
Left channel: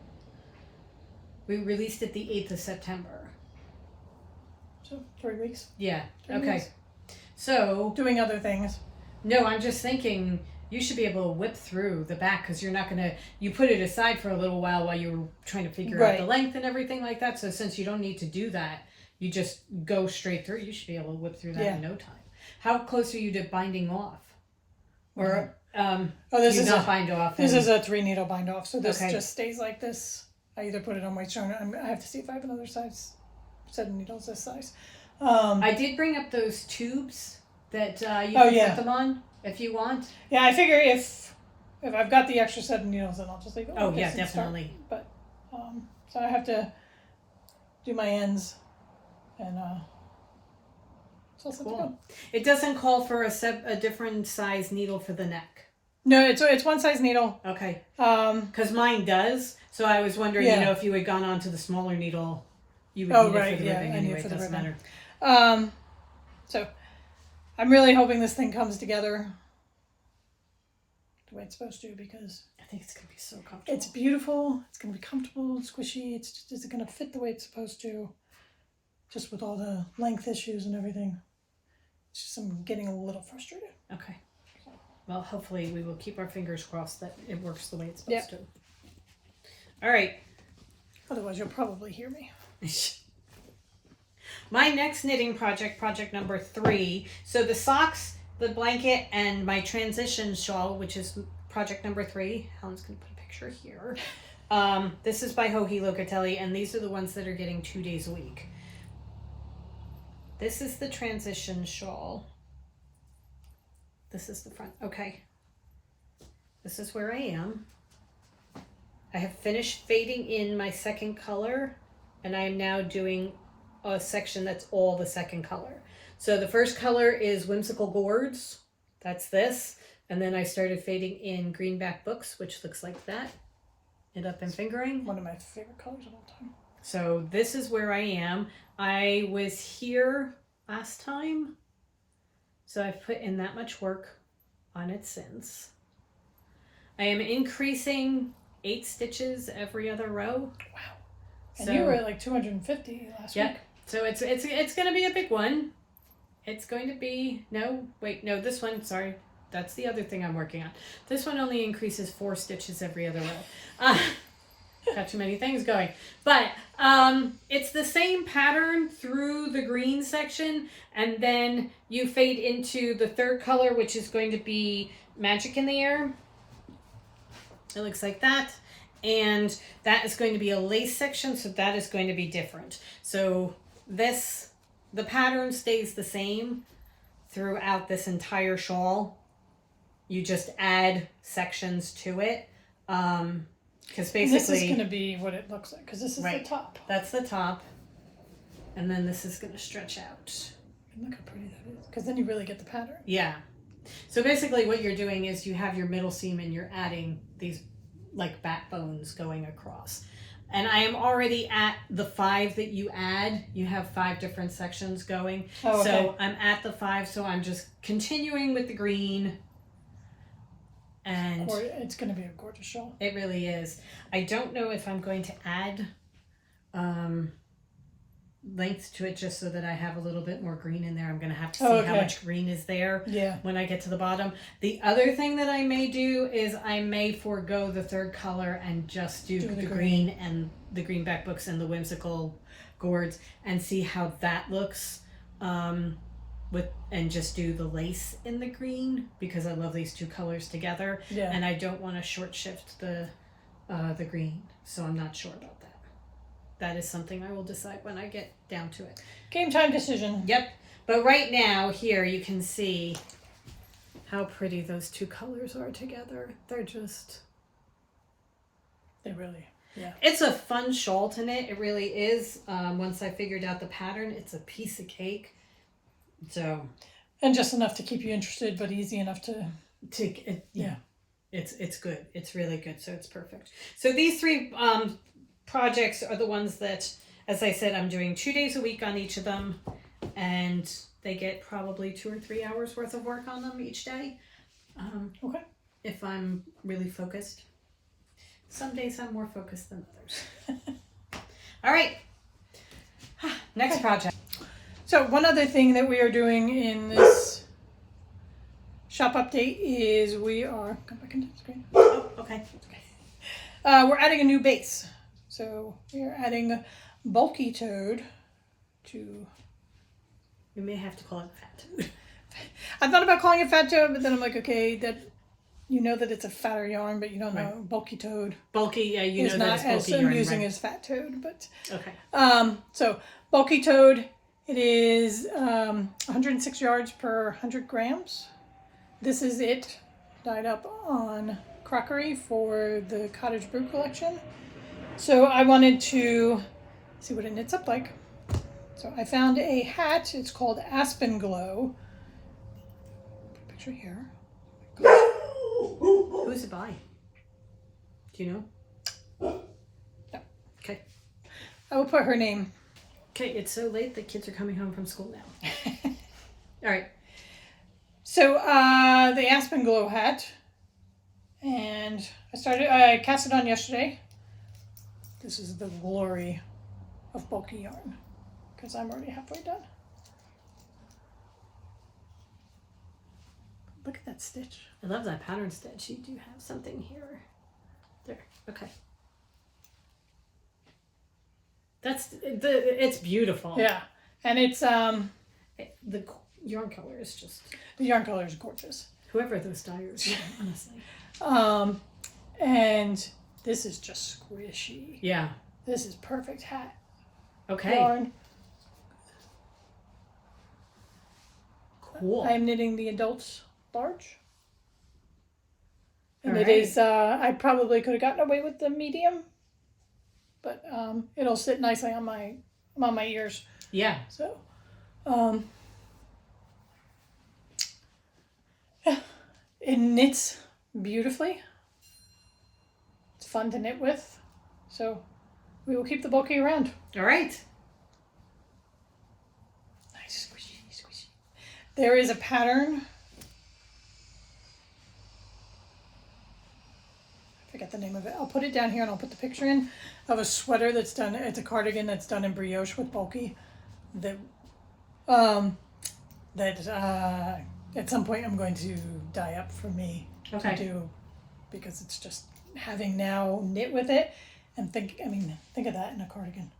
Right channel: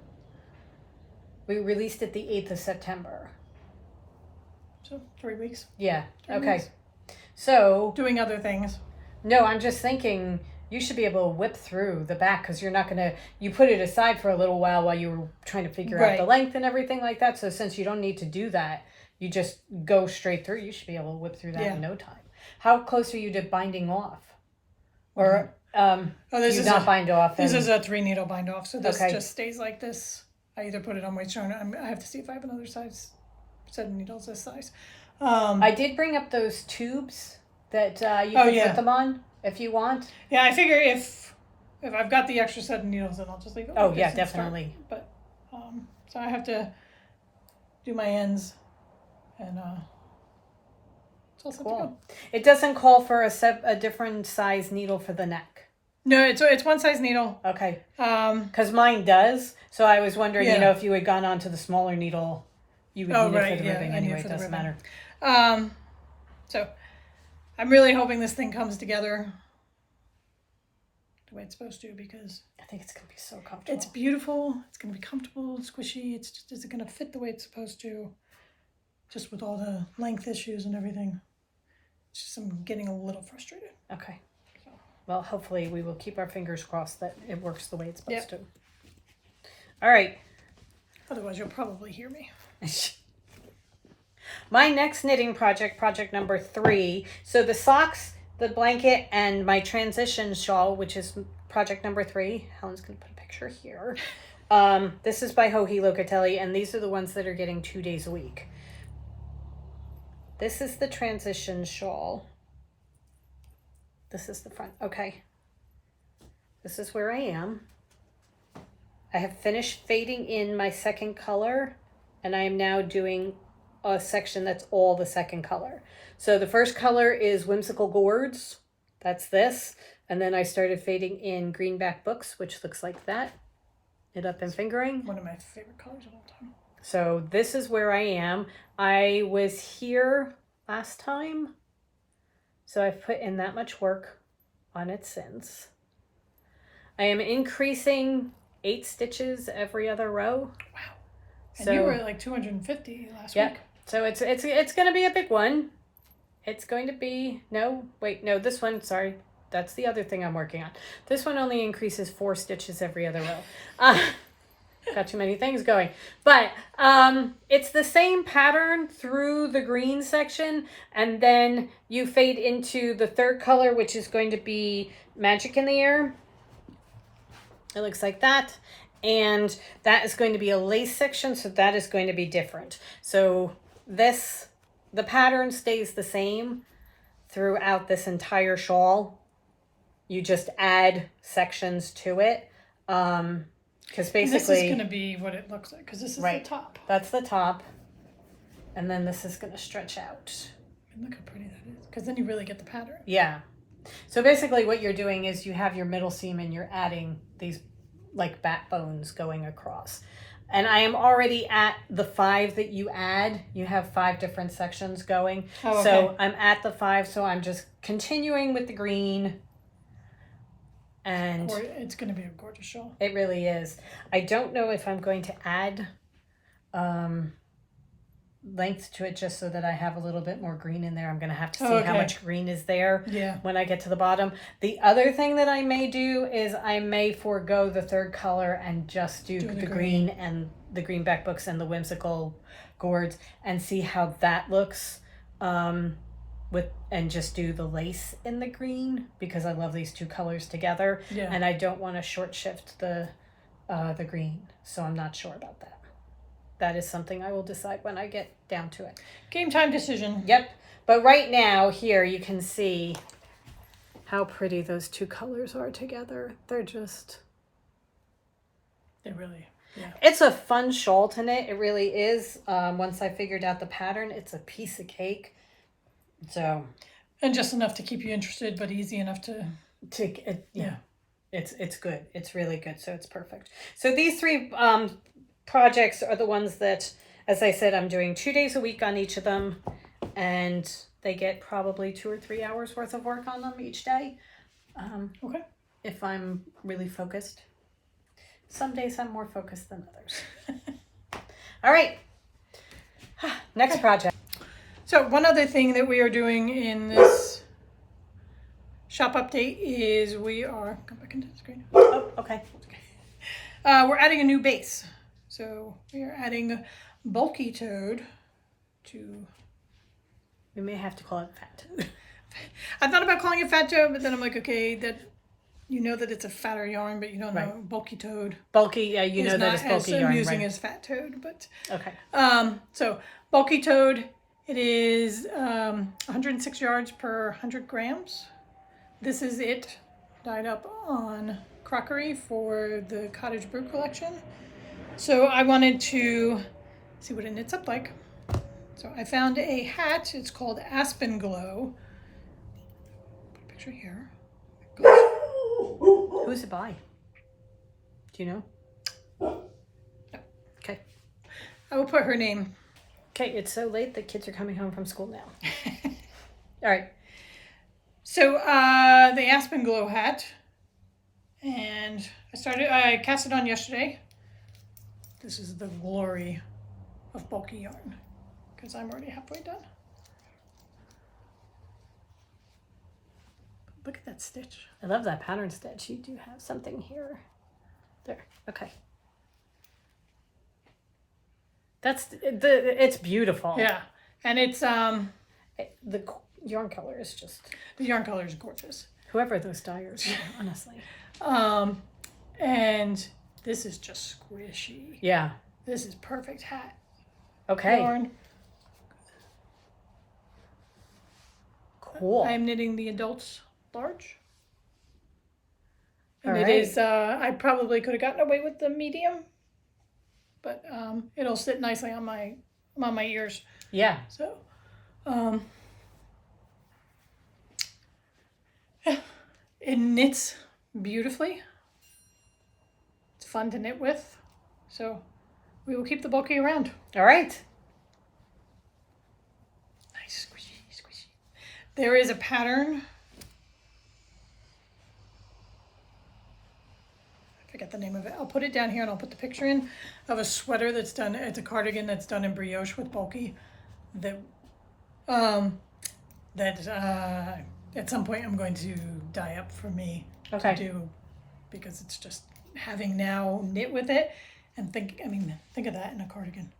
We released it the 8th of September. So 3 weeks. Yeah. 3 okay. weeks. So doing other things. No, I'm just thinking you should be able to whip through the back because you're not going to, you put it aside for a little while you were trying to figure out the length and everything like that. So since you don't need to do that, you just go straight through. You should be able to whip through that in no time. How close are you to binding off? Or this is not bind off? This is a 3 needle bind off. So this just stays like this. I either put it on my stone. I have to see if I have another size set of needles this size. I did bring up those tubes that you can put them on if you want. Yeah, I figure if I've got the extra set of needles, then I'll just leave it. Oh yeah, definitely. But so I have to do my ends, and it's all set to go. It doesn't call for a different size needle for the neck. No, it's one size needle. Okay. Because mine does. So I was wondering, if you had gone on to the smaller needle, you would need it for the ribbing. I need it for the ribbing. So I'm really hoping this thing comes together the way it's supposed to, because I think it's going to be so comfortable. It's beautiful. It's going to be comfortable and squishy. It's just, is it going to fit the way it's supposed to? Just with all the length issues and everything. It's just I'm getting a little frustrated. Okay. Well, hopefully we will keep our fingers crossed that it works the way it's supposed to. All right. Otherwise, you'll probably hear me. My next knitting project number 3. So the socks, the blanket, and my transition shawl, which is project number 3. Helen's going to put a picture here. This is by Joji Locatelli, and these are the ones that are getting 2 days a week. This is the transition shawl. This is the front. Okay. This is where I am. I have finished fading in my second color, and I am now doing a section that's all the second color. So the first color is Whimsical Gourds. That's this. And then I started fading in Greenback Books, which looks like that. Knit Up and Fingering. One of my favorite colors of all time. So this is where I am. I was here last time, so I've put in that much work on it since. I am increasing 8 stitches every other row. Wow. And you were at like 250 last week. So it's going to be a big one. It's going to be, this one, sorry. That's the other thing I'm working on. This one only increases 4 stitches every other row. Got too many things going. But it's the same pattern through the green section, and then you fade into the third color, which is going to be Magic in the Air. It looks like that. And that is going to be a lace section, so that is going to be different. So the pattern stays the same throughout this entire shawl. You just add sections to it. Because basically, this is going to be what it looks like, because this is the top. That's the top. And then this is going to stretch out. And look how pretty that is, because then you really get the pattern. Yeah. So basically what you're doing is you have your middle seam and you're adding these like bat bones going across. And I am already at the 5 that you add. You have 5 different sections going. Oh, okay. So I'm at the 5, so I'm just continuing with the green. And it's going to be a gorgeous shawl. It really is. I don't know if I'm going to add length to it just so that I have a little bit more green in there. I'm going to have to see how much green is there when I get to the bottom. The other thing that I may do is I may forego the third color and just do the green and the Greenback Books and the Whimsical Gourds and see how that looks. And just do the lace in the green because I love these 2 colors together. Yeah. And I don't want to short shift the green, so I'm not sure about that. That is something I will decide when I get down to it. Game time decision. Yep. But right now, here you can see how pretty those 2 colors are together. They really, yeah. It's a fun shawl to knit. It really is. Once I figured out the pattern, it's a piece of cake. So, and just enough to keep you interested, but easy enough to yeah. It's good. It's really good. So it's perfect. So these 3 projects are the ones that, as I said, I'm doing 2 days a week on each of them, and they get probably 2 or 3 hours worth of work on them each day. Okay. If I'm really focused. Some days I'm more focused than others. All right. Next project. So one other thing that we are doing in this shop update is come back into the screen. Oh, okay. We're adding a new base. So we are adding Bulky Toad to... We may have to call it Fat Toad. I thought about calling it Fat Toad, but then I'm like, okay, that you know that it's a fatter yarn, but you don't know Bulky Toad. Bulky, yeah, you know that it's bulky yarn. I'm using as Fat Toad, but... Okay. So Bulky Toad... It is 106 yards per 100 grams. This is it dyed up on crockery for the Cottage Brew collection. So I wanted to see what it knits up like. So I found a hat. It's called Aspen Glow. Put a picture here. Who's it by? Do you know? No. Okay. I will put her name. Okay, it's so late the kids are coming home from school now. All right. So the Aspen Glow hat, and I cast it on yesterday. This is the glory of bulky yarn, because I'm already halfway done. Look at that stitch. I love that pattern stitch. You do have something here. There. Okay. It's beautiful. Yeah. And it's The yarn color is just, the yarn color is gorgeous. whoever those dyers are, honestly. And this is just squishy. Yeah. This is perfect hat Okay. yarn. Cool. I'm knitting the adults large. And All it right. is, I probably could have gotten away with the medium, but it'll sit nicely on my ears. Yeah. So, it knits beautifully. It's fun to knit with. So, we will keep the bulky around. All right. Nice, squishy, squishy. There is a pattern. I forget the name of it. I'll put it down here and I'll put the picture in of a sweater that's done. It's a cardigan that's done in brioche with bulky. That at some point I'm going to dye up for me Okay. to do, because it's just having now knit with it and think of that in a cardigan.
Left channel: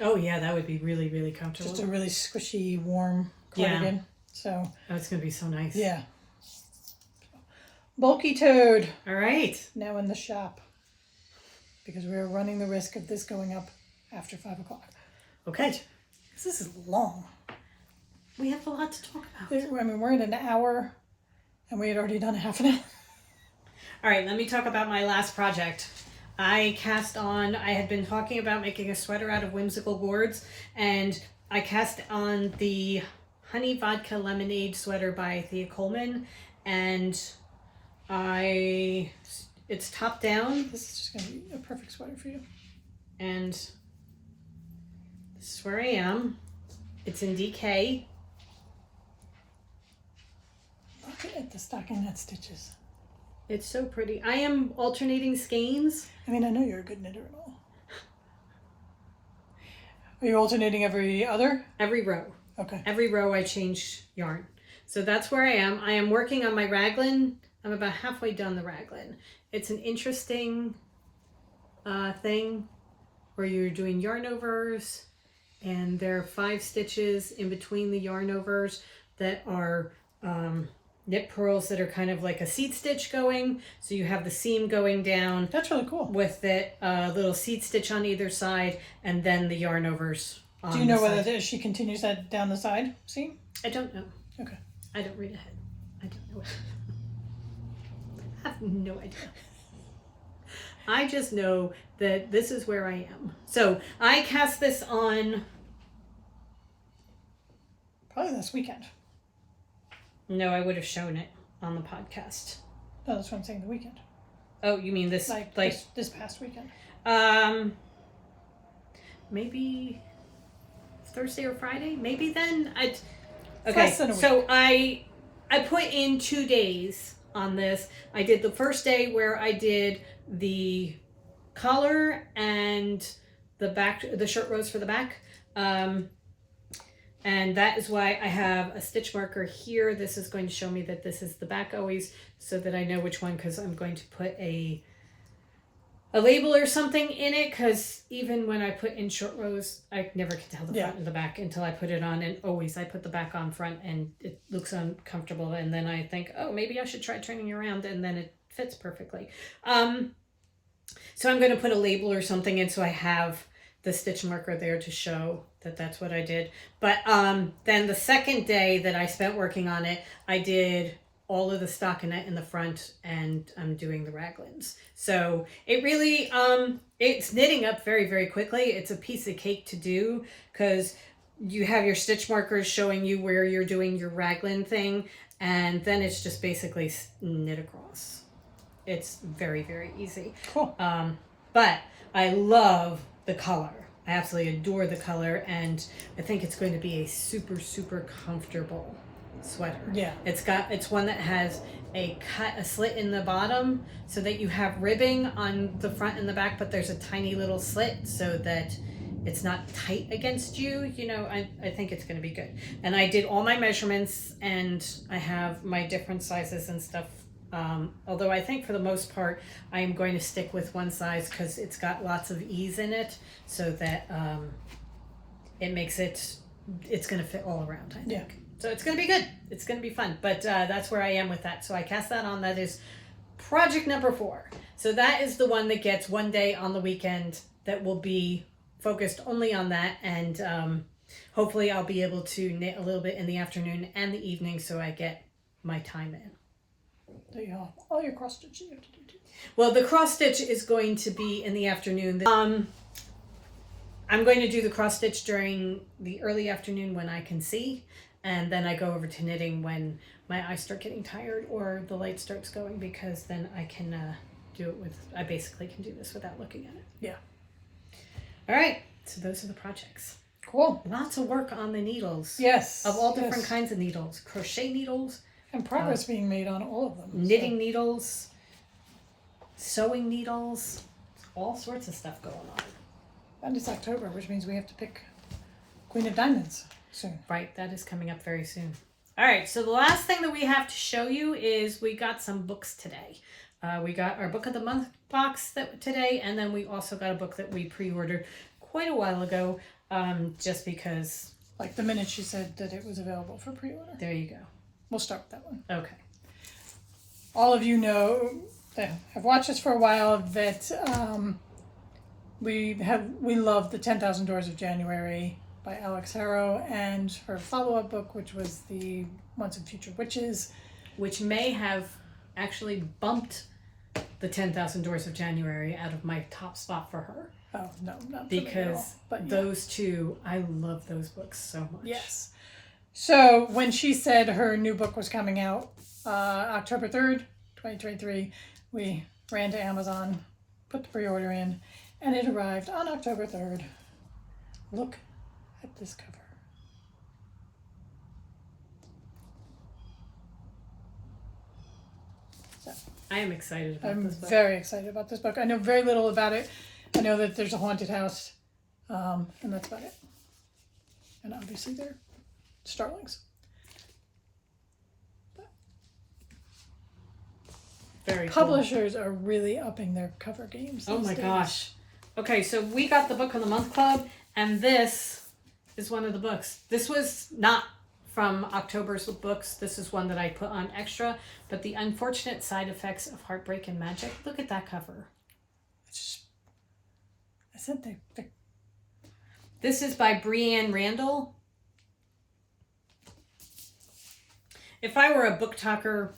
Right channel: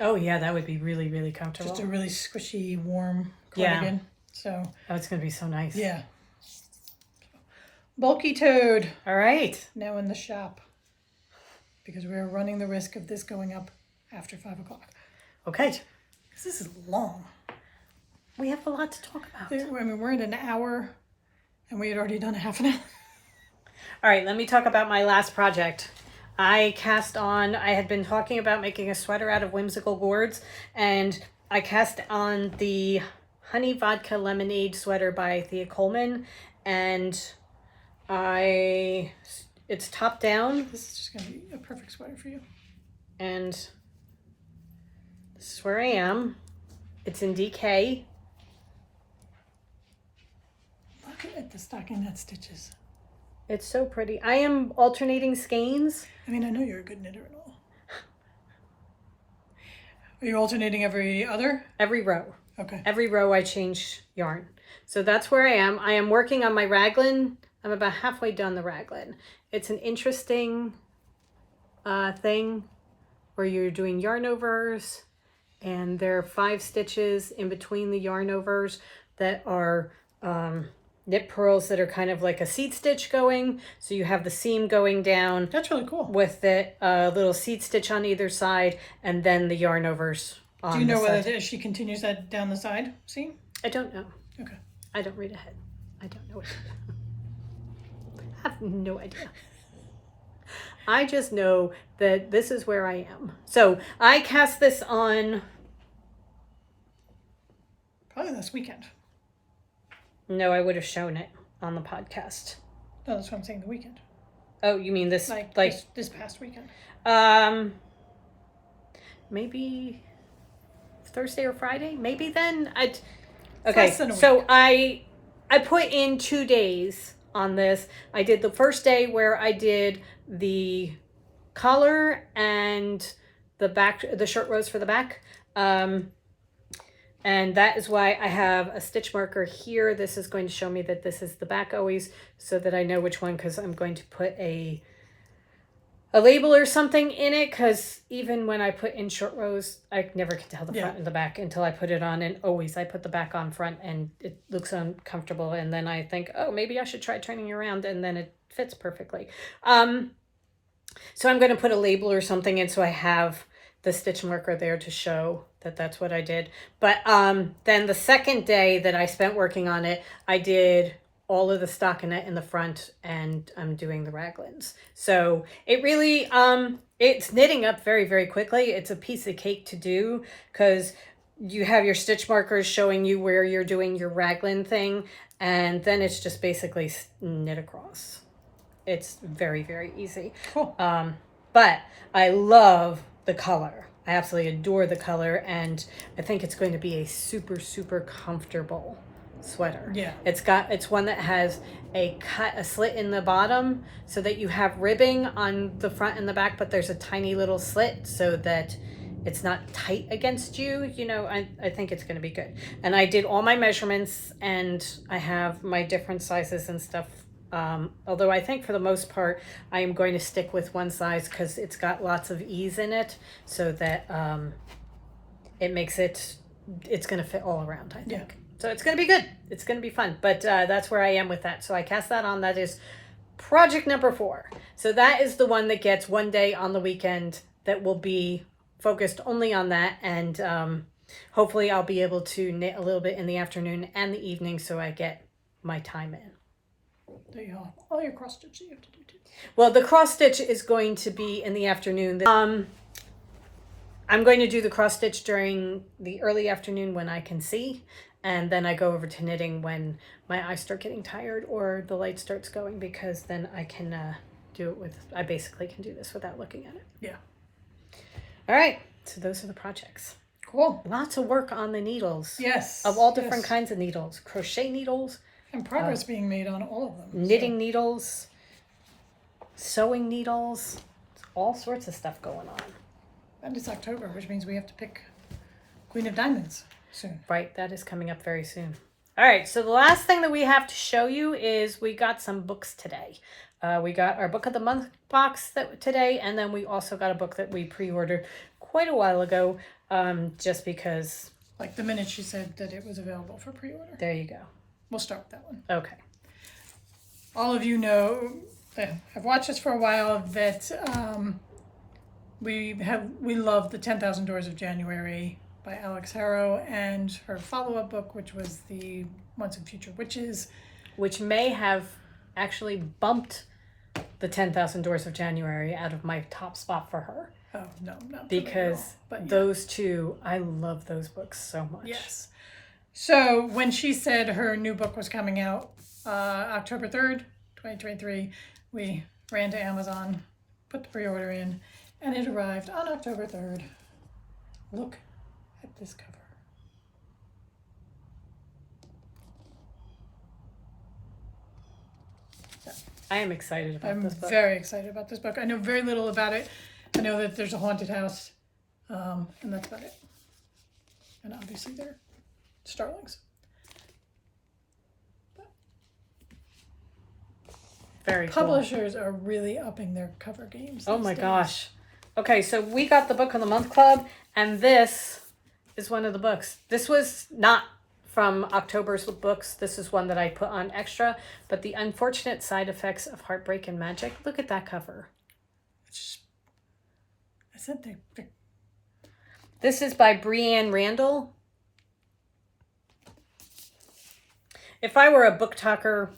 Oh yeah, that would be really, really comfortable. Just a really squishy, warm cardigan. So Oh, it's gonna be so nice. yeah. Bulky Toad All right. now in the shop, because we're running the risk of this going up after 5 o'clock. Okay. Because this is long. We have a lot to talk about. We're in an hour and we had already done a half an hour. All right, let me talk about my last project. I had been talking about making a sweater out of whimsical gourds, and I cast on the Honey Vodka Lemonade sweater by Thea Coleman, and it's top down. This is just going to be a perfect sweater for you. And this is where I am. It's in DK. Look at the stockinette stitches. It's so pretty. I am alternating skeins. I mean, I know you're a good knitter and all. Are you alternating every other? Every row. Okay. Every row I change yarn. So that's where I am. I am working on my raglan. I'm about halfway done the raglan. It's an interesting thing where you're doing yarn overs, and there are 5 stitches in between the yarn overs that are knit purls that are kind of like a seat stitch going. So you have the seam going down. That's really cool. With the little seat stitch on either side, and then the yarn overs. Do you know whether she continues that down the side seam? I don't know. Okay. I don't read ahead. I don't know. I have no idea. I just know that this is where I am. So I cast this on. Probably this weekend. No, I would have shown it on the podcast. No, that's what I'm saying, the weekend. Oh, you mean this? This past weekend. Maybe Thursday or Friday. Maybe then. Okay. Less than a week. So I put in 2 days on this. I did the first day where I did the collar and the back, the short rows for the back. And that is why I have a stitch marker here. This is going to show me that this is the back always, so that I know which one, because I'm going to put a label or something in it, because even when I put in short rows, I never can tell the front and the back until I put it on, and always I put the back on front and it looks uncomfortable, and then I think, oh, maybe I should try turning around, and then it fits perfectly. So I'm going to put a label or something in so I have the stitch marker there to show that that's what I did. But then the second day that I spent working on it, I did all of the stockinette in the front, and I'm doing the raglans. So it really, it's knitting up very, very quickly. It's a piece of cake to do, because you have your stitch markers showing you where you're doing your raglan thing, and then it's just basically knit across. It's very, very easy. Cool. But I love the color. I absolutely adore the color, and I think it's going to be a super, super comfortable sweater. Yeah. It's one that has a slit in the bottom, so that you have ribbing on the front and the back, but there's a tiny little slit so that it's not tight against you, you know, I think it's going to be good. And I did all my measurements, and I have my different sizes and stuff. Although I think for the most part, I am going to stick with one size because it's got lots of ease in it, so that it makes it's going to fit all around, I think. Yeah. So it's going to be good. It's going to be fun. But that's where I am with that. So I cast that on. That is project number 4. So that is the one that gets one day on the weekend that will be focused only on that. And hopefully I'll be able to knit a little bit in the afternoon and the evening so I get my time in. There you go. All your cross stitch you have to do too. Well, the cross stitch is going to be in the afternoon. I'm going to do the cross stitch during the early afternoon when I can see, and then I go over to knitting when my eyes start getting tired or the light starts going, because then I can do it with, I basically can do this without looking at it. Yeah. All right, so those are the projects. Cool. Lots of work on the needles. Yes. Of all different kinds of needles. Crochet needles. And progress being made on all of them. Knitting needles. Sewing needles. All sorts of stuff going on. And it's October, which means we have to pick Queen of Diamonds soon. Right, that is coming up very soon. All right, so the last thing that we have to show you is we got some books today. We got our Book of the Month box today, and then we also got a book that we pre-ordered quite a while ago, just because... Like the minute she said that it was available for pre-order. There you go. We'll start with that one. Okay. All of you know, that have watched us for a while, that we love the 10,000 Doors of January by Alex Harrow, and her follow-up book, which was the Once and Future Witches, which may have actually bumped the 10,000 Doors of January out of my top spot for her. Oh, no, not because but yeah. Those two, I love those books so much. Yes. So when she said her new book was coming out October 3rd, 2023, we ran to Amazon, put the pre-order in, and it arrived on October 3rd. Look at this cover. I am excited about this book. I'm very excited about this book. I know very little about it. I know that there's a haunted house, and that's about it. And obviously they're starlings. Very cool. Publishers are really upping their cover games. Oh my days. gosh. Okay, so we got the Book of the Month Club, and this is one of the books. This was not from October's books. This is one that I put on extra, but The Unfortunate Side Effects of Heartbreak and Magic. Look at that cover. I said they This is by Breanne Randall. If I were a book talker,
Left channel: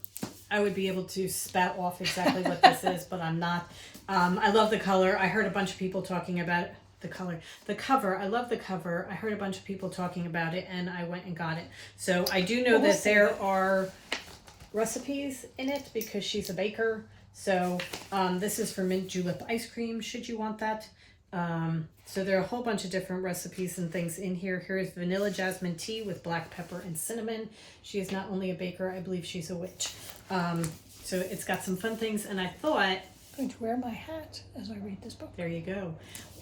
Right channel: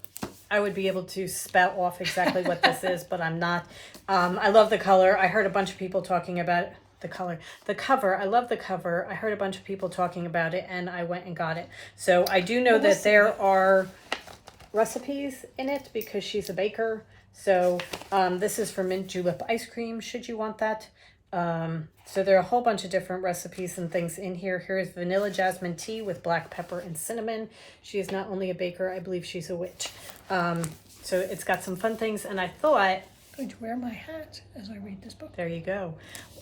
I would be able to spout off exactly what this is, but I'm not. I love the color. I heard a bunch of people talking about the color. The cover, I love the cover. I heard a bunch of people talking about it, and I went and got it. So I do know that there are recipes in it because she's a baker. So this is for mint julep ice cream, should you want that. So there are a whole bunch of different recipes and things in here. Here's vanilla jasmine tea with black pepper and cinnamon. She is not only a baker, I believe she's a witch. So it's got some fun things, and I thought... I'm going to wear my hat as I read this book. There you go.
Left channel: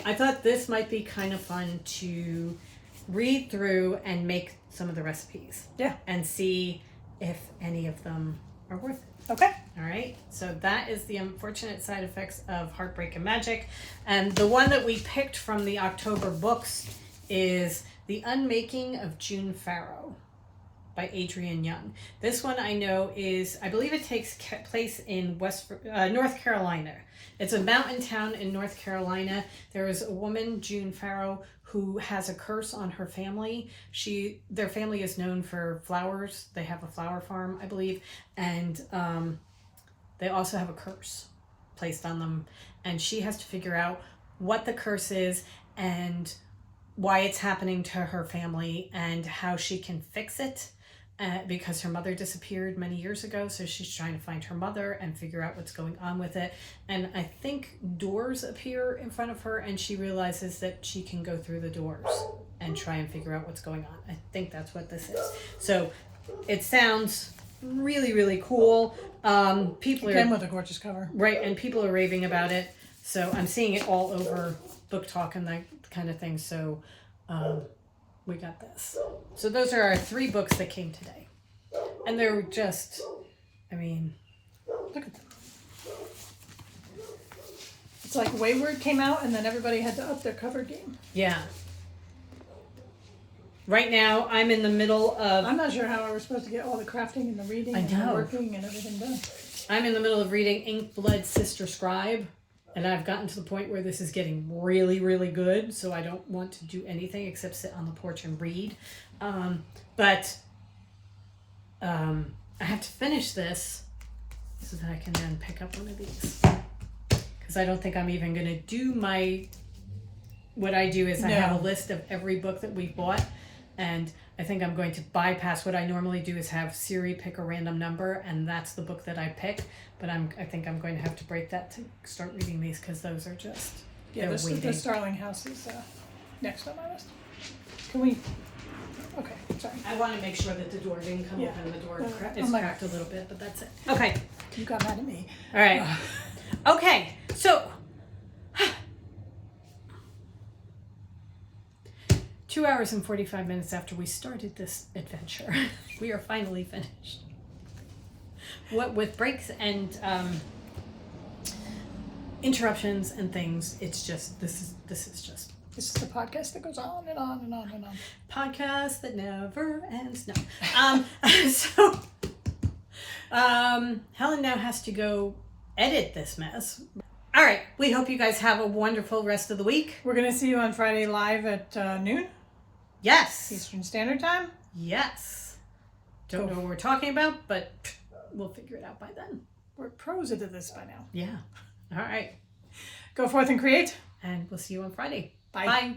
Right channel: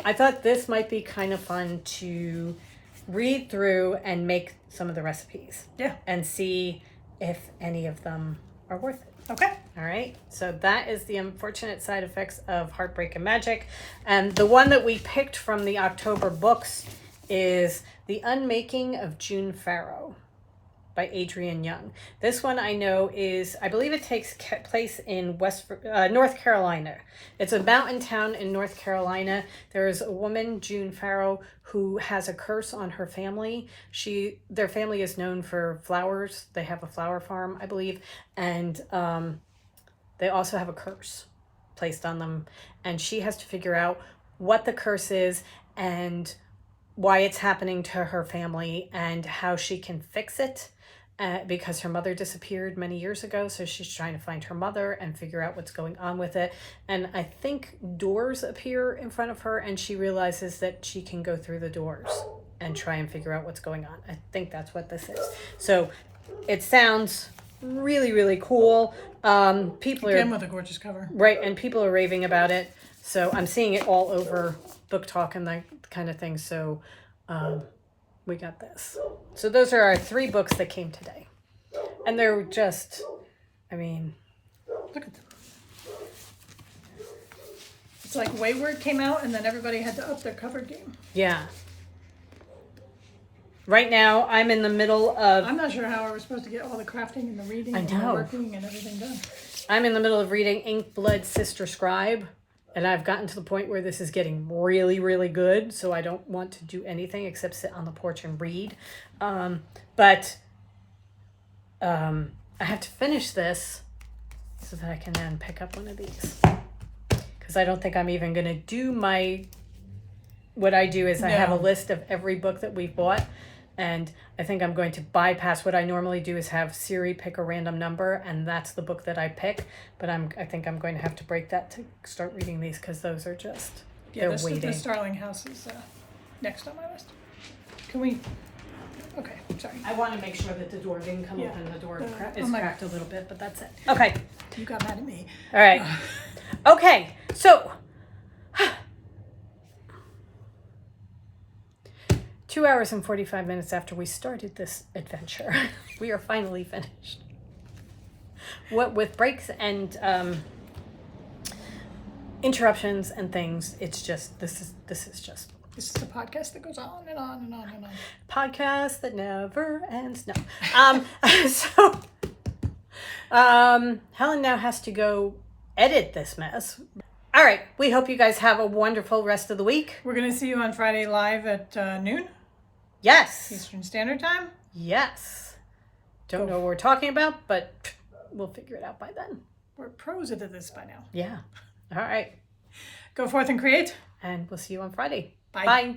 I thought this might be kind of fun to read through and make some of the recipes. Yeah. And see if any of them are worth it. Okay. All right. So that is The Unfortunate Side Effects of Heartbreak and Magic. And the one that we picked from the October books is The Unmaking of June Farrow by Adrienne Young. This one I know is, I believe it takes place in North Carolina. It's a mountain town in North Carolina. There's a woman, June Farrow, who has a curse on her family. Their family is known for flowers. They have a flower farm, I believe. And they also have a curse placed on them. And she has to figure out what the curse is and why it's happening to her family and how she can fix it. Because her mother disappeared many years ago, so she's trying to find her mother and figure out what's going on with it. And I think doors appear in front of her, and she realizes that she can go through the doors and try and figure out what's going on. I think that's what this is. So it sounds really, really cool. People Again with a gorgeous cover. Right, and people are raving about it. So I'm seeing it all over Book Talk, and the kind of thing. So we got this. So those are our 3 books that came today. And they're just, I mean, look at them. It's like Wayward came out and then everybody had to up their cover game. Yeah. Right now, I'm in the middle of... I'm not sure how we're supposed to get all the crafting and the reading and the working and everything done. I'm in the middle of reading Ink Blood Sister Scribe, and I've gotten to the point where this is getting really, really good, so I don't want to do anything except sit on the porch and read. But I have to finish this so that I can then pick up one of these. Because I don't think I'm even going to do my... What I do is I have a list of every book that we've bought. And I think I'm going to bypass what I normally do is have Siri pick a random number, and that's the book that I pick. But I think I'm going to have to break that to start reading these because those are just the Starling House is next on my list. Can we? Okay, sorry. I want to make sure that the door didn't come open. The door is my... cracked a little bit, but that's it. Okay. You got mad at me. All right. Okay. So. 2 hours and 45 minutes after we started this adventure, we are finally finished. What with breaks and interruptions and things, it's just this is the podcast that goes on and on and on and on. Podcast that never ends. No. So Helen now has to go edit this mess. All right. We hope you guys have a wonderful rest of the week. We're gonna see you on Friday live at noon. Yes. Eastern Standard Time? Yes. Don't know what we're talking about, but we'll figure it out by then. We're pros at this by now. Yeah. All right. Go forth and create. And we'll see you on Friday. Bye. Bye.